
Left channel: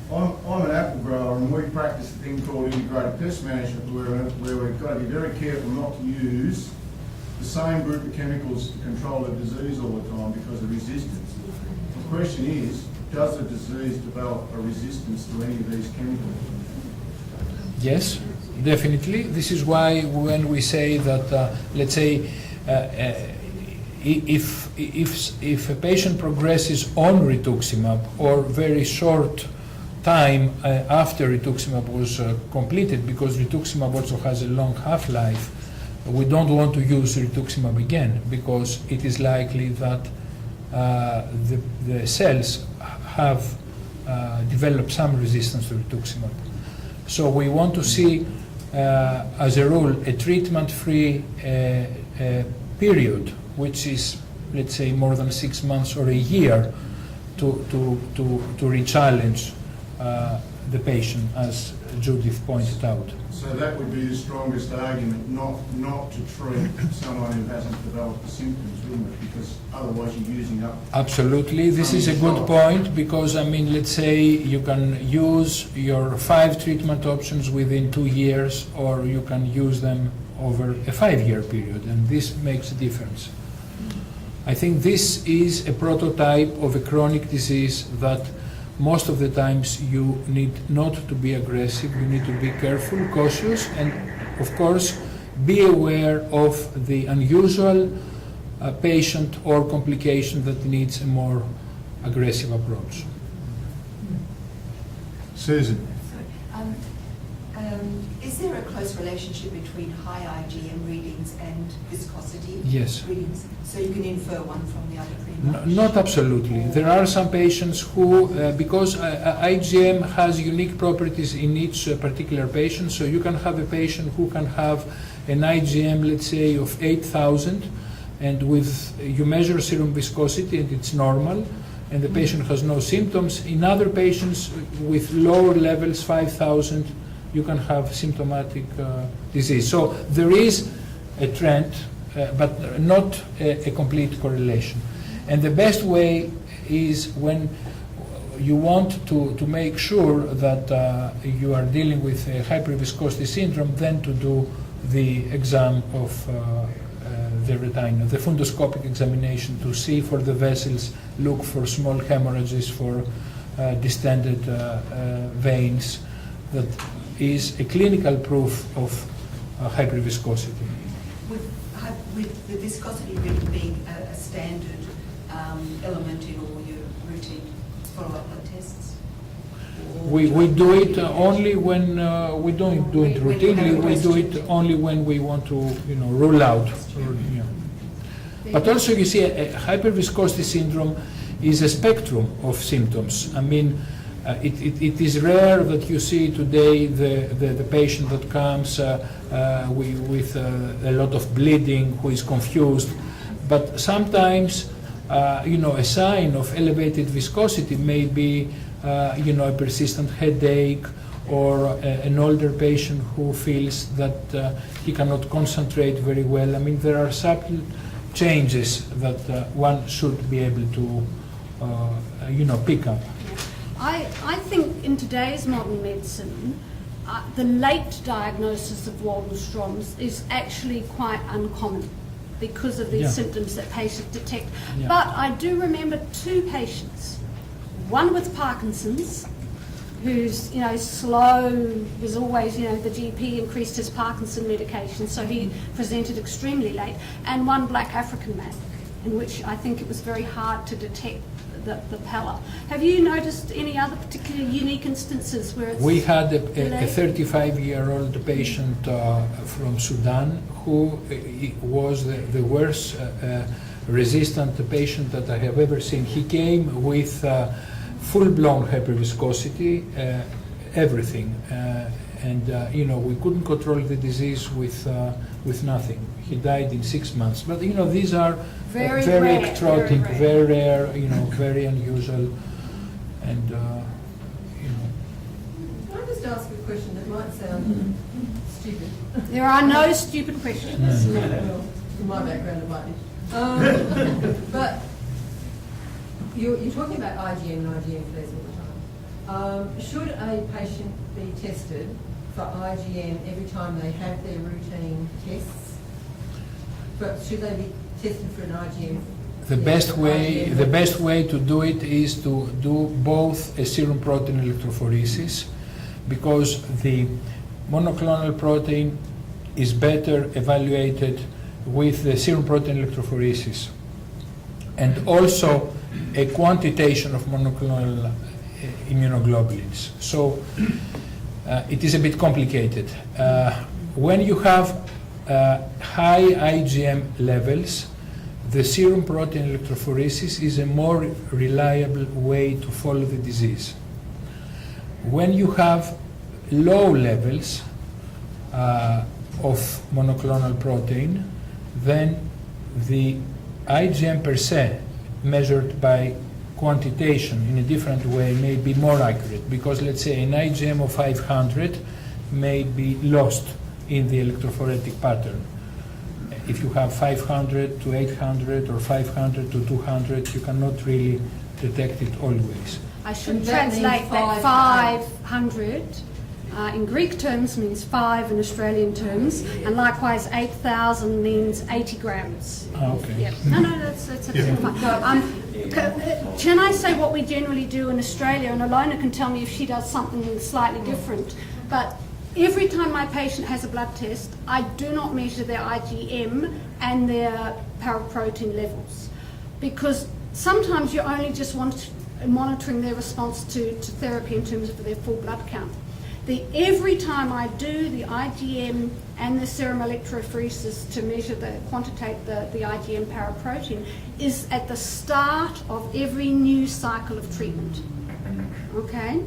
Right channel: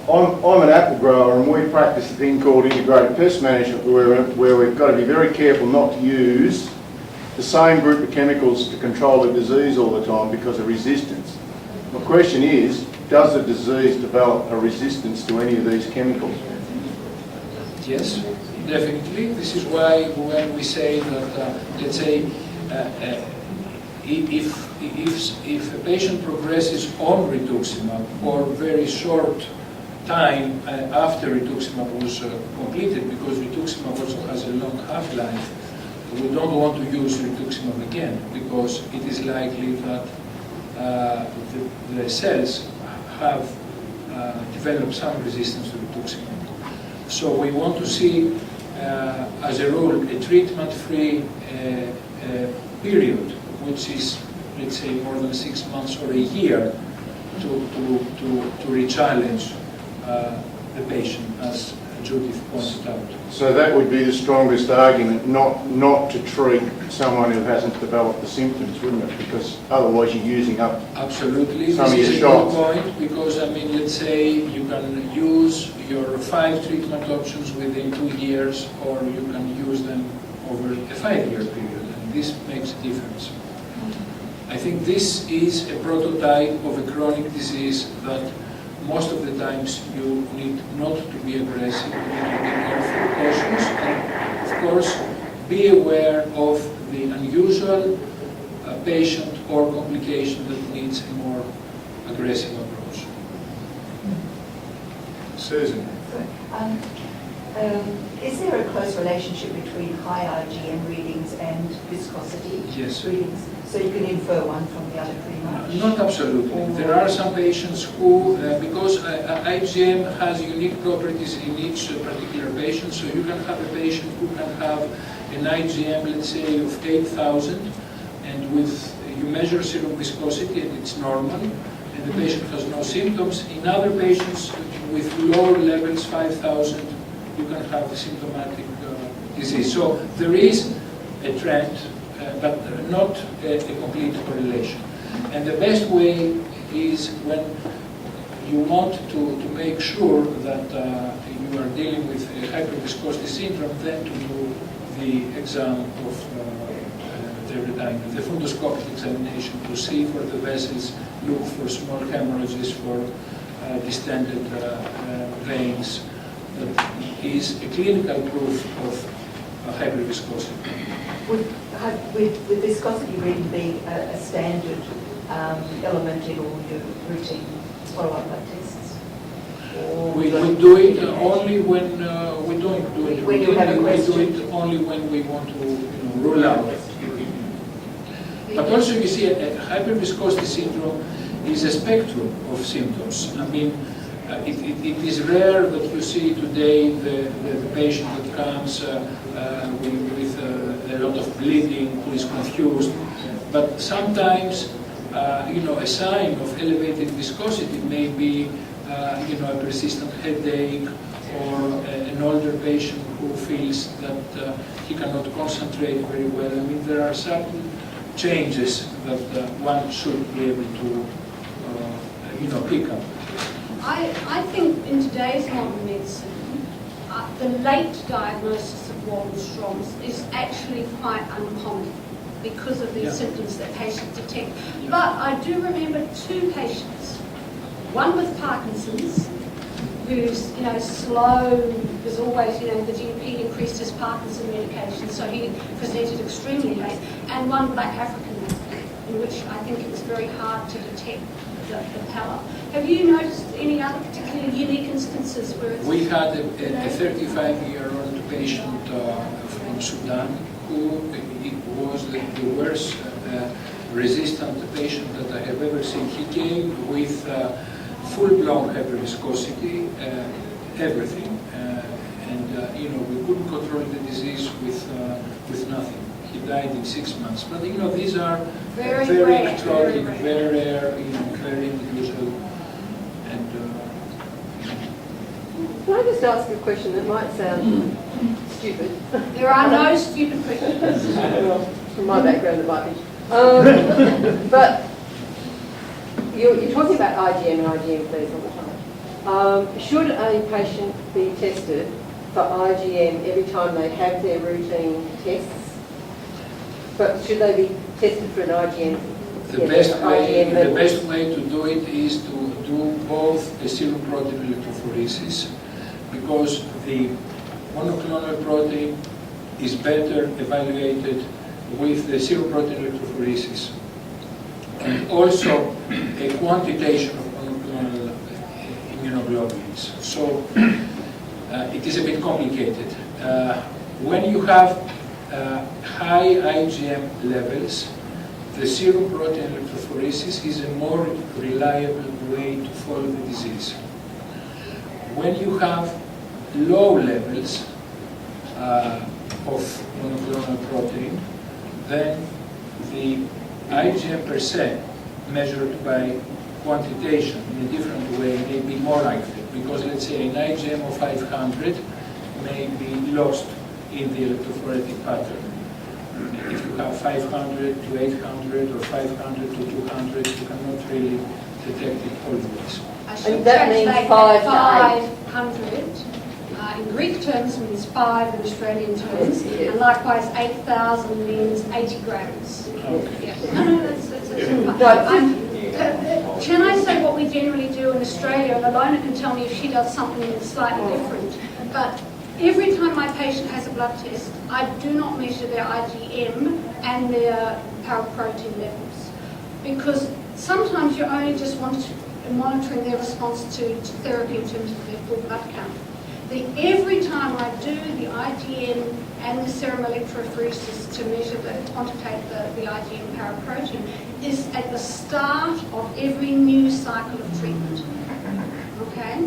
I'm an apple grower, and we practice a thing called integrated pest management where we've got to be very careful not to use the same group of chemicals to control the disease all the time because of resistance. My question is, does the disease develop a resistance to any of these chemicals? Yes, definitely. This is why when we say that, let's say, if a patient progresses on rituximab or very short time after rituximab was completed, because rituximab also has a long half-life, we don't want to use rituximab again because it is likely that the cells have developed some resistance to rituximab. So we want to see, as a rule, a treatment-free period, which is, let's say, more than 6 months or a year, to re-challenge the patient, as Judith pointed out. So that would be the strongest argument, not to treat someone who hasn't developed the symptoms, wouldn't it? Because otherwise you're using up. Absolutely, some this of is a your good shots. point, because I mean, let's say you can use your 5 treatment options within 2 years, or you can use them over a 5-year period, and this makes a difference. I think this is a prototype of a chronic disease that most of the times you need not to be aggressive, you need to be careful, cautious, and of course be aware of the unusual patient or complication that needs a more aggressive approach. Susan. Is there a close relationship between high IgM readings and viscosity Yes. readings? So you can infer one from the other pretty much? Not absolutely. There are some patients who, because IgM has unique properties in each particular patient, so you can have a patient who can have an IgM, let's say, of 8,000, and you measure serum viscosity and it's normal, and the patient has no symptoms. In other patients with lower levels, 5,000, you can have symptomatic disease. So there is a trend, but not a complete correlation. And the best way is when you want to make sure that you are dealing with a hyperviscosity syndrome, then to do the exam of the retina, the fundoscopic examination, to see for the vessels, look for small hemorrhages, for distended veins. That is a clinical proof of hyperviscosity. Would viscosity really be a standard element in all your routine follow-up blood tests? We do it only when we don't do it When you have a routinely. We do question. it only when we want to, rule out. But also, you see, a hyperviscosity syndrome is a spectrum of symptoms. I mean, it is rare that you see today the patient that comes with a lot of bleeding, who is confused. But sometimes, a sign of elevated viscosity may be, a persistent headache, or an older patient who feels that he cannot concentrate very well. I mean, there are subtle changes that one should be able to, pick up. I think in today's modern medicine, the late diagnosis of Waldenstrom's is actually quite uncommon because of the symptoms that patients detect. Yeah. But I do remember two patients, one with Parkinson's, who's slow, was always, the GP increased his Parkinson medication, so he presented extremely late, and one black African man, in which I think it was very hard to detect the pallor. Have you noticed any other particularly unique instances where it's... We had a 35-year-old patient from Sudan who was the worst resistant patient that I have ever seen. He came with full-blown hyperviscosity, everything, and we couldn't control the disease with nothing. He died in 6 months. But these are very exotic, very rare, very unusual, and. Can I just ask a question that might sound stupid? There are no stupid questions. Well, from my background, it might be. But you're talking about IgM and IgM flares all the time. Should a patient be tested for IgM every time they have their routine tests? But should they be tested for an IgM? The best way to do it is to do both a serum protein electrophoresis, because the monoclonal protein is better evaluated with the serum protein electrophoresis, and also a quantitation of monoclonal immunoglobulins. So it is a bit complicated. When you have high IgM levels, the serum protein electrophoresis is a more reliable way to follow the disease. When you have low levels of monoclonal protein, then the IgM per se, measured by quantitation in a different way, may be more accurate, because let's say an IgM of 500 may be lost in the electrophoretic pattern. If you have 500 to 800 or 500 to 200, you cannot really detect it always. I should And that means translate 500 in Greek terms means 5 in Australian terms, and likewise 8,000 means 80 grams. Okay. Yeah. No, that's fine. Can I say what we generally do in Australia, and Ilona can tell me if she does something that's slightly different, but every time my patient has a blood test, I do not measure their IgM and their paraprotein levels, because sometimes you only just want monitoring their response to therapy in terms of their full blood count. Every time I do the IgM and the serum electrophoresis to measure quantitate the IgM paraprotein is at the start of every new cycle of treatment. Okay?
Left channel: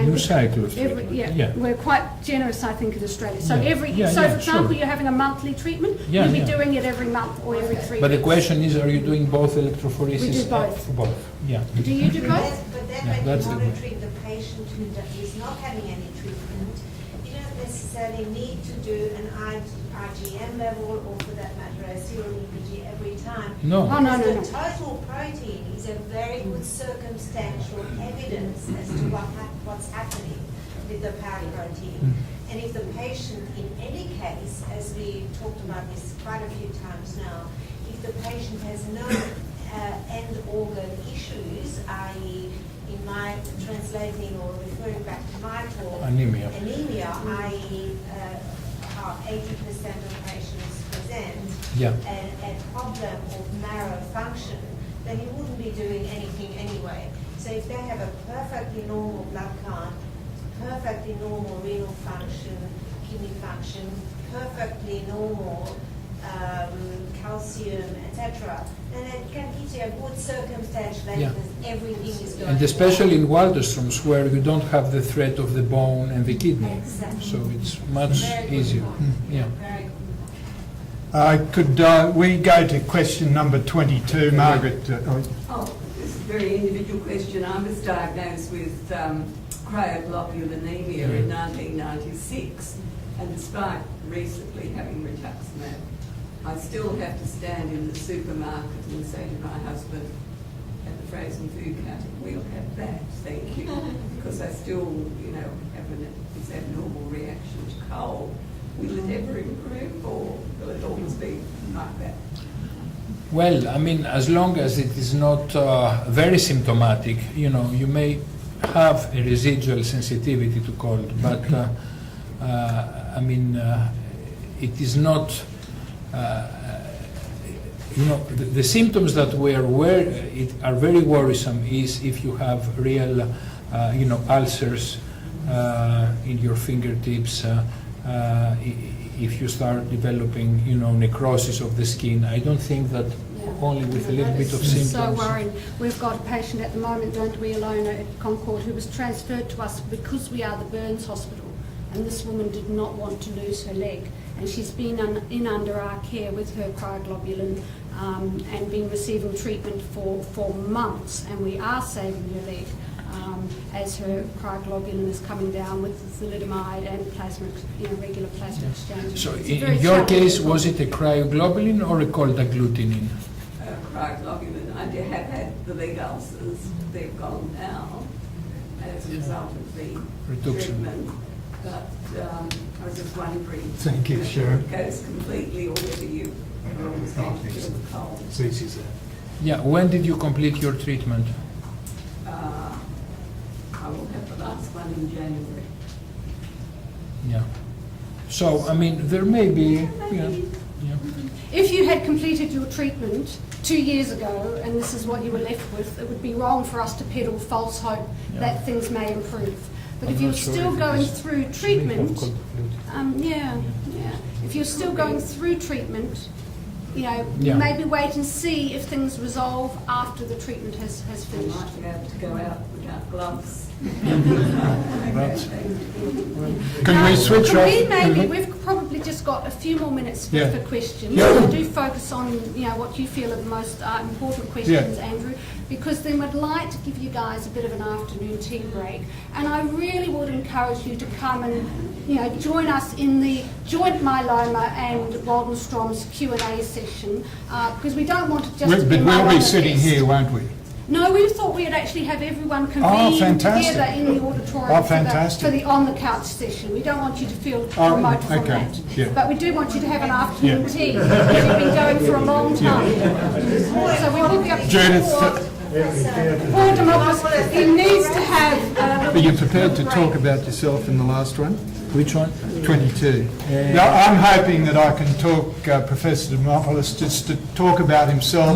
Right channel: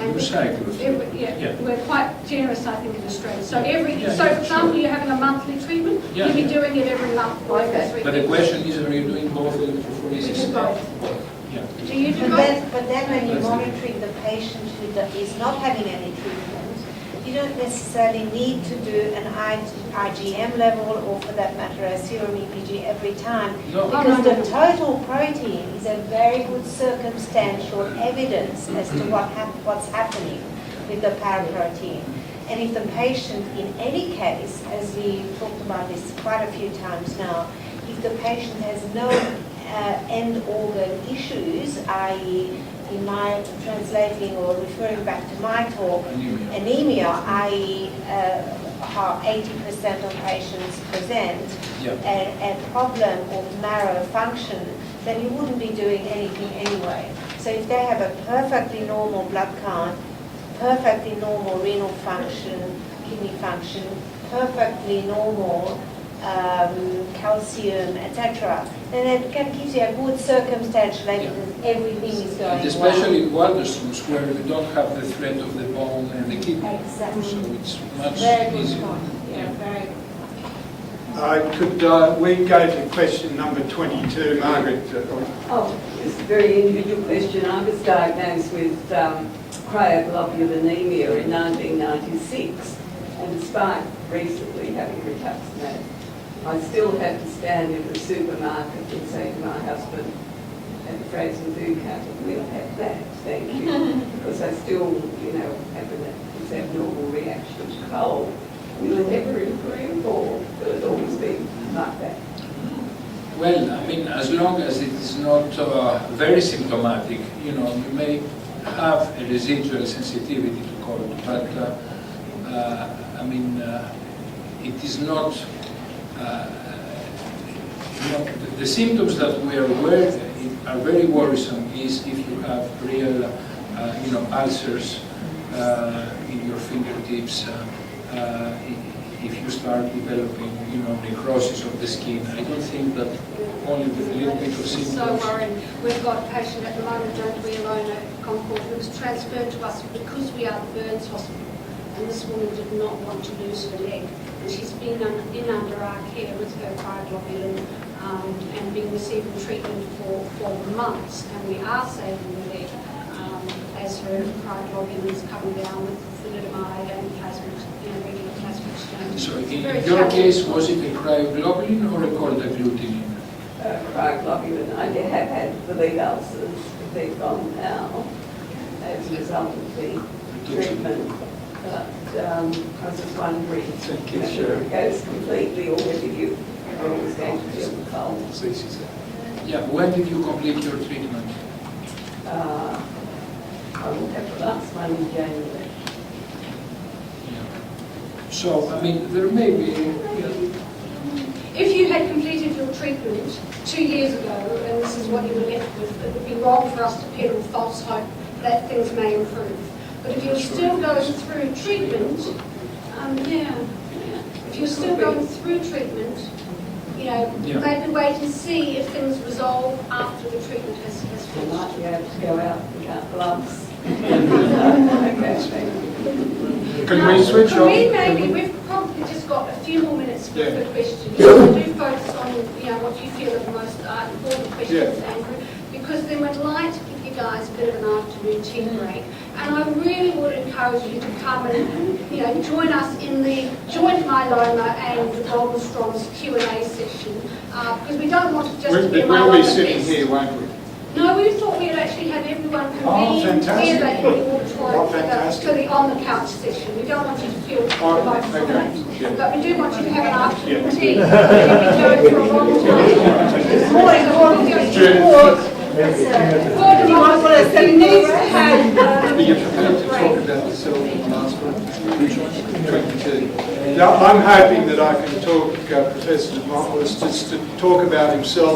New cycle of treatment. Yeah, we're quite generous, I think, in Australia. So Yeah, for example, you're having a monthly treatment, you'll be doing it every month or every 3 weeks. But the question is, are you doing both electrophoresis? Both. Yeah. Do you do both? But then when you're monitoring the patient who is not having any treatment, you don't necessarily need to do an IgM level or for that matter a serum EPG every time. No. Because the total protein is a very good circumstantial evidence as to what's happening with the paraprotein. And if the patient, in any case, as we talked about this quite a few times now, if the patient has no end organ issues, i.e. in my translating or referring back to my talk, anemia, i.e. how 80% of patients present a problem of marrow function, then you wouldn't be doing anything anyway. So if they have a perfectly normal blood count, perfectly normal renal function, kidney function, perfectly normal calcium, etc., then it gives you a good circumstantial evidence everything is going And especially in Waldenstrom's, where you don't have the threat of the bone and the kidney. Exactly. So it's much easier. Could we go to question number 22, Margaret? Oh, it's a very individual question. I was diagnosed with cryoglobulinemia in 1996, and despite recently having rituximab, I still have to stand in the supermarket and say to my husband at the frozen food counter, we'll have that, thank you, because I still, have this abnormal reaction to cold. Will it ever improve, or will it always be like that? Well, I mean, as long as it is not very symptomatic, you may have a residual sensitivity to cold, but I mean, it is not, the symptoms that we are aware are very worrisome is if you have real, ulcers in your fingertips, if you start developing, necrosis of the skin. I don't think that only with a little bit of symptoms. So worried. We've got a patient at the moment, don't we, alone at Concord, who was transferred to us because we are the Burns Hospital. And this woman did not want to lose her leg. And she's been under our care with her cryoglobulin and been receiving treatment for months. And we are saving her leg as her cryoglobulin is coming down with thalidomide and plasma, regular plasma exchange. So in your case, was it a cryoglobulin or a cold agglutinin? Cryoglobulin. I have had the leg ulcers. They've gone now as a result of the treatment. But I was just wondering if it goes completely or whether you are always going to feel the cold. Yeah, when did you complete your treatment? I will have the last one in January. Yeah. So, I mean, there may be... If you had completed your treatment 2 years ago, and this is what you were left with, it would be wrong for us to peddle false hope that things may improve. But if you're still going through treatment, if you're still going through treatment, maybe wait and see if things resolve after the treatment has finished. You might be able to go out without gloves. Can we switch off? Maybe we've probably just got a few more minutes for questions. Do focus on what you feel are the most important questions, Andrew, because then we'd like to give you guys a bit of an afternoon tea break. And I really would encourage you to come and join us in the joint myeloma and the Waldenstrom's Q&A session, because we don't want to just be We'll be sitting here, won't we? No, we thought we'd actually have everyone convene together in the auditorium for the on-the-couch session. We don't want you to feel remote from that. But we do want you to have an afternoon tea. You've been going for a long time. Judith, Poor Dimopoulos, he needs to have... Are you prepared to talk about yourself in the last one? Which one? 22. Now, I'm hoping that I can talk Professor Dimopoulos just to talk about himself.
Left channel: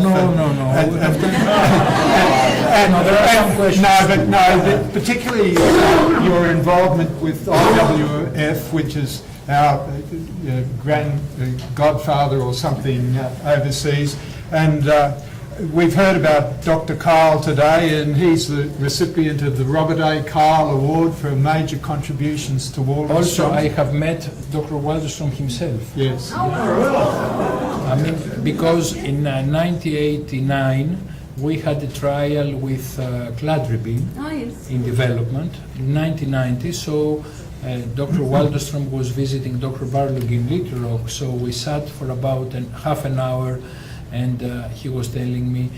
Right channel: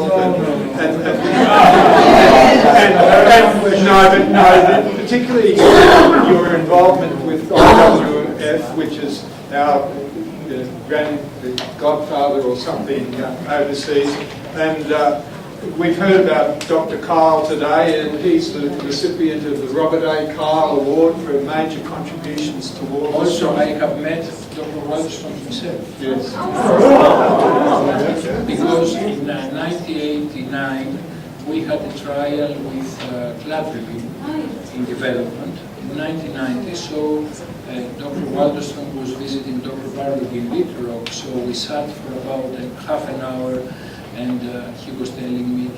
No, particularly your involvement with IWF, which is our godfather or something overseas. And we've heard about Dr. Kyle today, and he's the recipient of the Robert A. Kyle Award for major contributions to war. Also, I have met Dr. Walderstone himself. Yes. Because in 1989, we had a trial with cladribine in development in 1990. So Dr. Walderstone was visiting Dr. Barlog in Little Rock. So we sat for about half an hour, and he was telling me,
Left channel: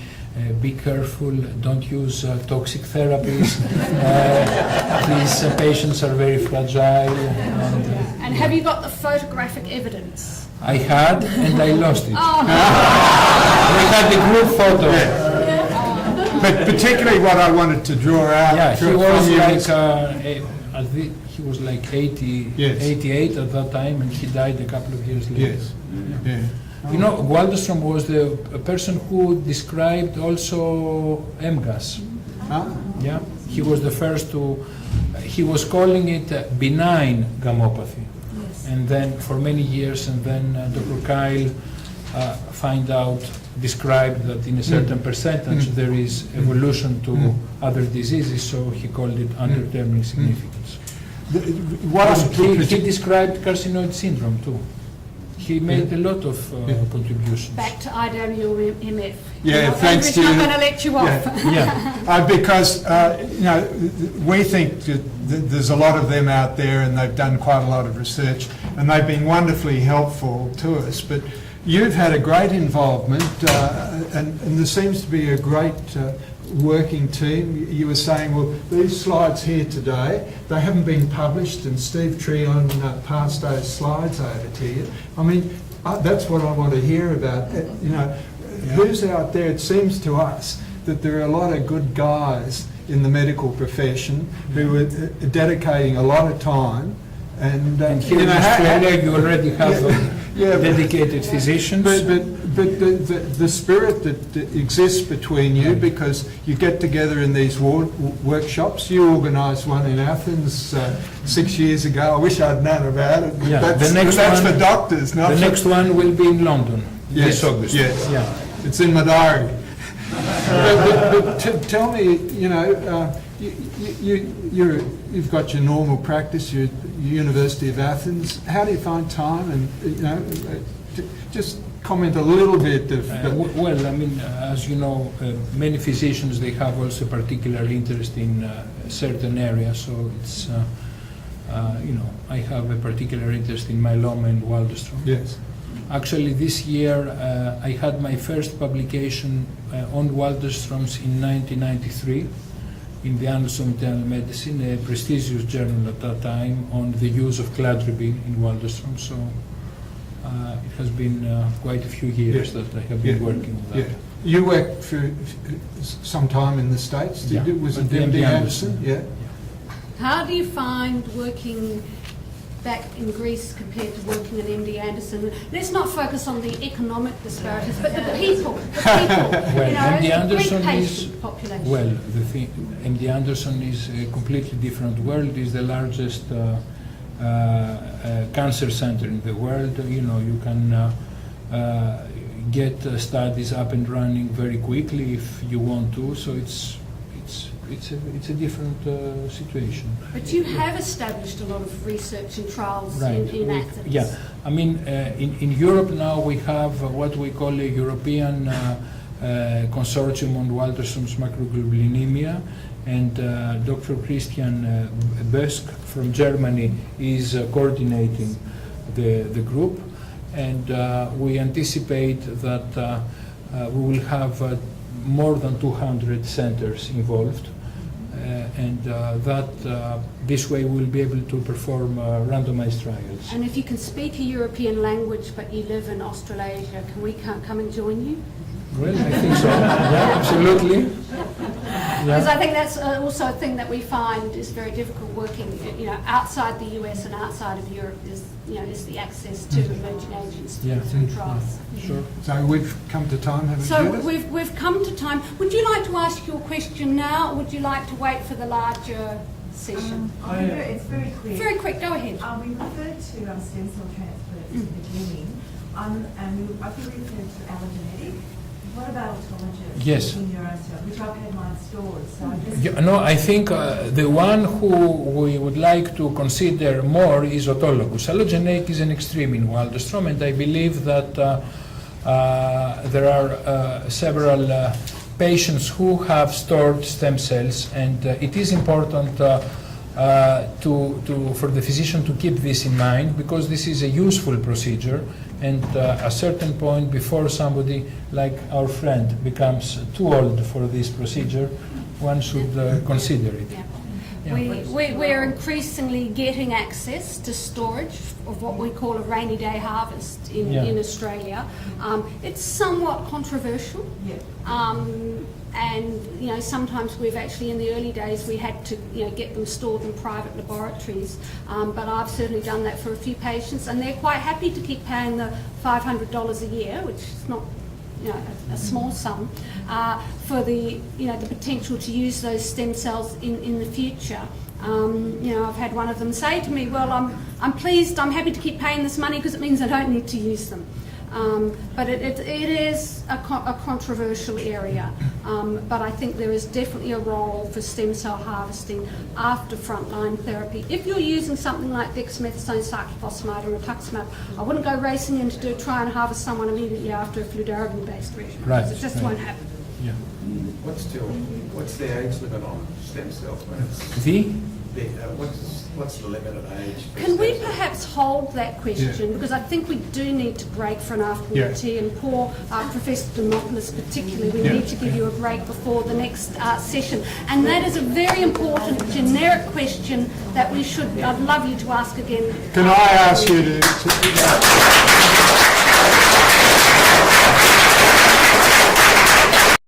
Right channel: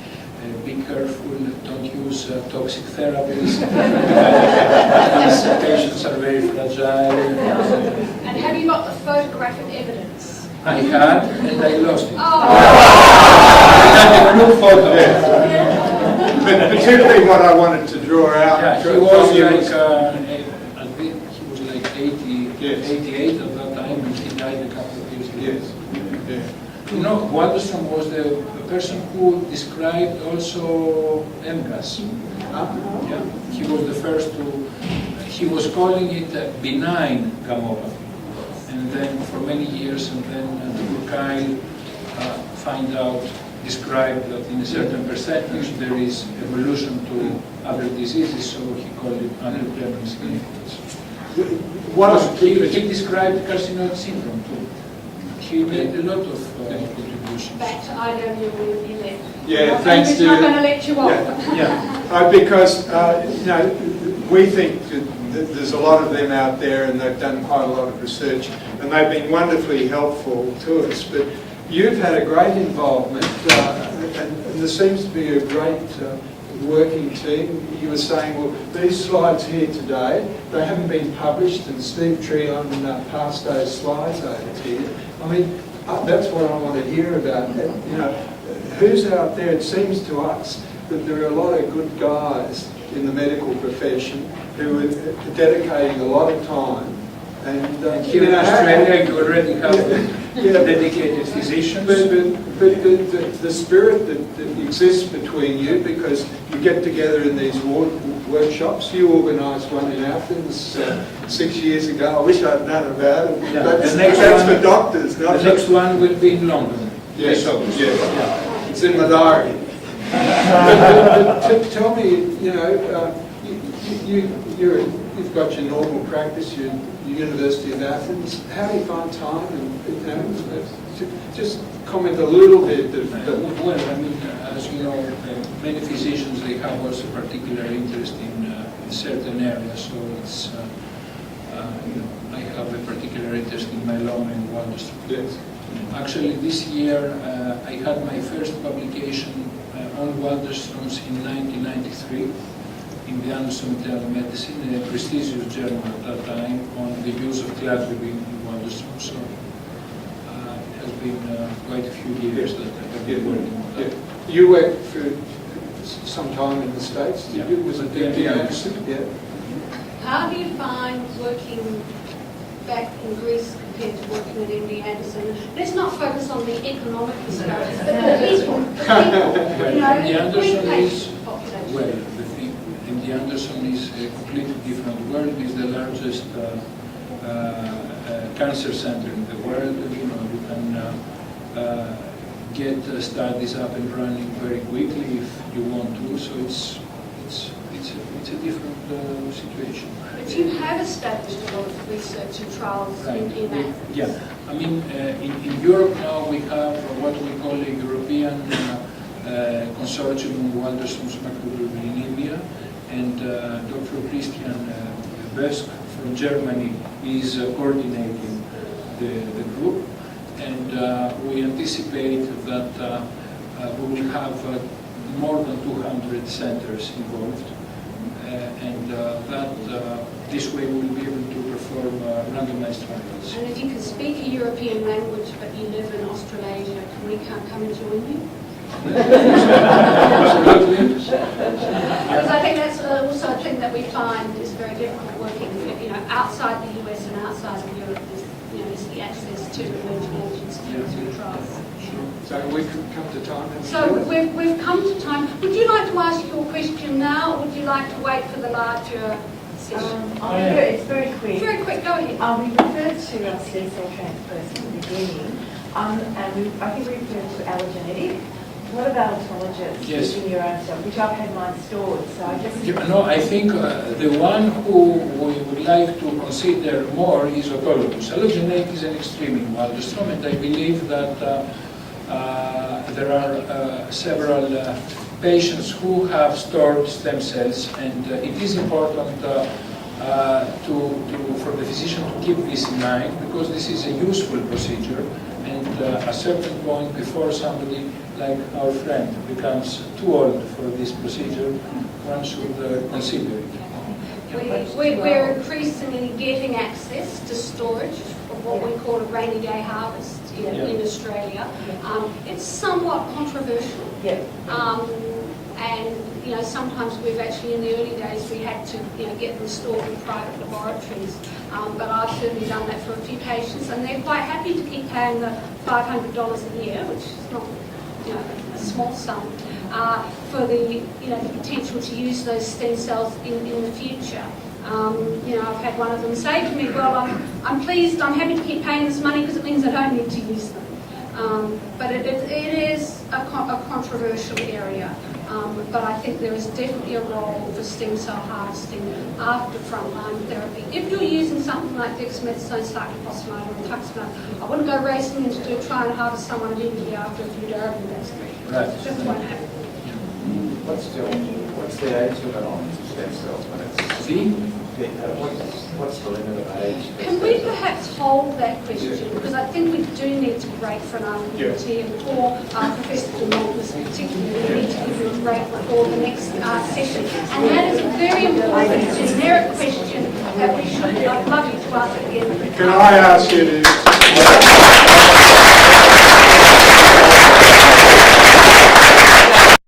be careful, don't use toxic therapies. These patients are very fragile. And have you got the photographic evidence? I had, and I lost it. Oh. I had a group photo. But particularly what I wanted to draw out. Yeah, he was like 88 at that time, and he died a couple of years later. Yes. Yeah. You know, Walderstone was the person who described also MGAS. Yeah, he was the first to. He was calling it benign gammopathy, and then for many years, and then Dr. Kyle described that in a certain percentage there is evolution to other diseases, so he called it undetermined significance. He described carcinoid syndrome too. He made a lot of contributions. Back to IWMF. Yeah, thanks to you. I'm going to let you off. Because we think that there's a lot of them out there, and they've done quite a lot of research, and they've been wonderfully helpful to us. But you've had a great involvement, and there seems to be a great working team. You were saying, well, these slides here today, they haven't been published, and Steve Treeland passed those slides over to you. I mean, that's what I want to hear about. Who's out there? It seems to us that there are a lot of good guys in the medical profession who are dedicating a lot of time. And here in Australia, you already have dedicated physicians. But the spirit that exists between you, because you get together in these workshops. You organised one in Athens 6 years ago. I wish I'd known about it. Yeah, That's for doctors. The next one will be in London. Yes, it's in my diary. But tell me, you've got your normal practice. You're University of Athens. How do you find time? And just comment a little bit. Well, I mean, as you know, many physicians, they have also particular interest in certain areas. So it's, I have a particular interest in myeloma and Walderstone. Yes. Actually, this year I had my first publication on Walderstones in 1993. In the Annals of Internal Medicine, a prestigious journal at that time, on the use of cladribine in Walderstone. So it has been quite a few years that I have been working on that. You worked for some time in the States, did you? Was it MD Anderson? Yeah. How do you find working back in Greece compared to working at MD Anderson? Let's not focus on the economic disparities, but the people. MD Anderson is, population. well, the thing, MD Anderson is a completely different world. It's the largest cancer center in the world. You can get studies up and running very quickly if you want to. So it's a different situation. But you have established a lot of research and trials in Athens. Yeah, I mean, in Europe now we have what we call a European consortium on Walderstone's macroglobulinemia, and Dr. Christian Bösk from Germany is coordinating the group, and we anticipate that we will have more than 200 centers involved, and that this way we'll be able to perform randomized trials. And if you can speak a European language but you live in Australasia, can we come and join you? Absolutely. clinical trials. Sure. So we've come to time. have we So do it? we've come to time. Would you like to ask your question now, or would you like to wait for the larger session? It's very quick. Very quick, go ahead. We referred to stem cell transfers in the beginning, and I think we referred to allogeneic. What about autologous? Yes. Using your own cell, which I've had mine stored, so I just... Yeah, no, I think the one who we would like to consider more is autologous. Allogeneic is an extreme in Waldenstrom, and I believe that there are several patients who have stored stem cells, and it is important for the physician to keep this in mind, because this is a useful procedure, and at a certain point before somebody like our friend becomes too old for this procedure, one should consider it. We're increasingly getting access to storage of what we call a rainy day harvest in Australia. It's somewhat controversial. And sometimes we've actually, in the early days, we had to get them stored in private laboratories. But I've certainly done that for a few patients, and they're quite happy to keep paying the $500 a year, which is not a small sum, for the potential to use those stem cells in the future. I've had one of them say to me, "Well, I'm pleased, I'm happy to keep paying this money because it means I don't need to use them." But it is a controversial area. But I think there is definitely a role for stem cell harvesting after frontline therapy. If you're using something like dexamethasone, cyclophosphamide, or rituximab, I wouldn't go racing in to try and harvest someone immediately after a fludarabine-based treatment. Right. It just won't happen. What's the age limit on stem cells? What's the limit of age? Can we perhaps hold that question? Because I think we do need to break for an afternoon tea, and poor Professor Dimopoulos particularly, we need to give you a break before the next session. And that is a very important generic question that I'd love you to ask again. Can I ask you to...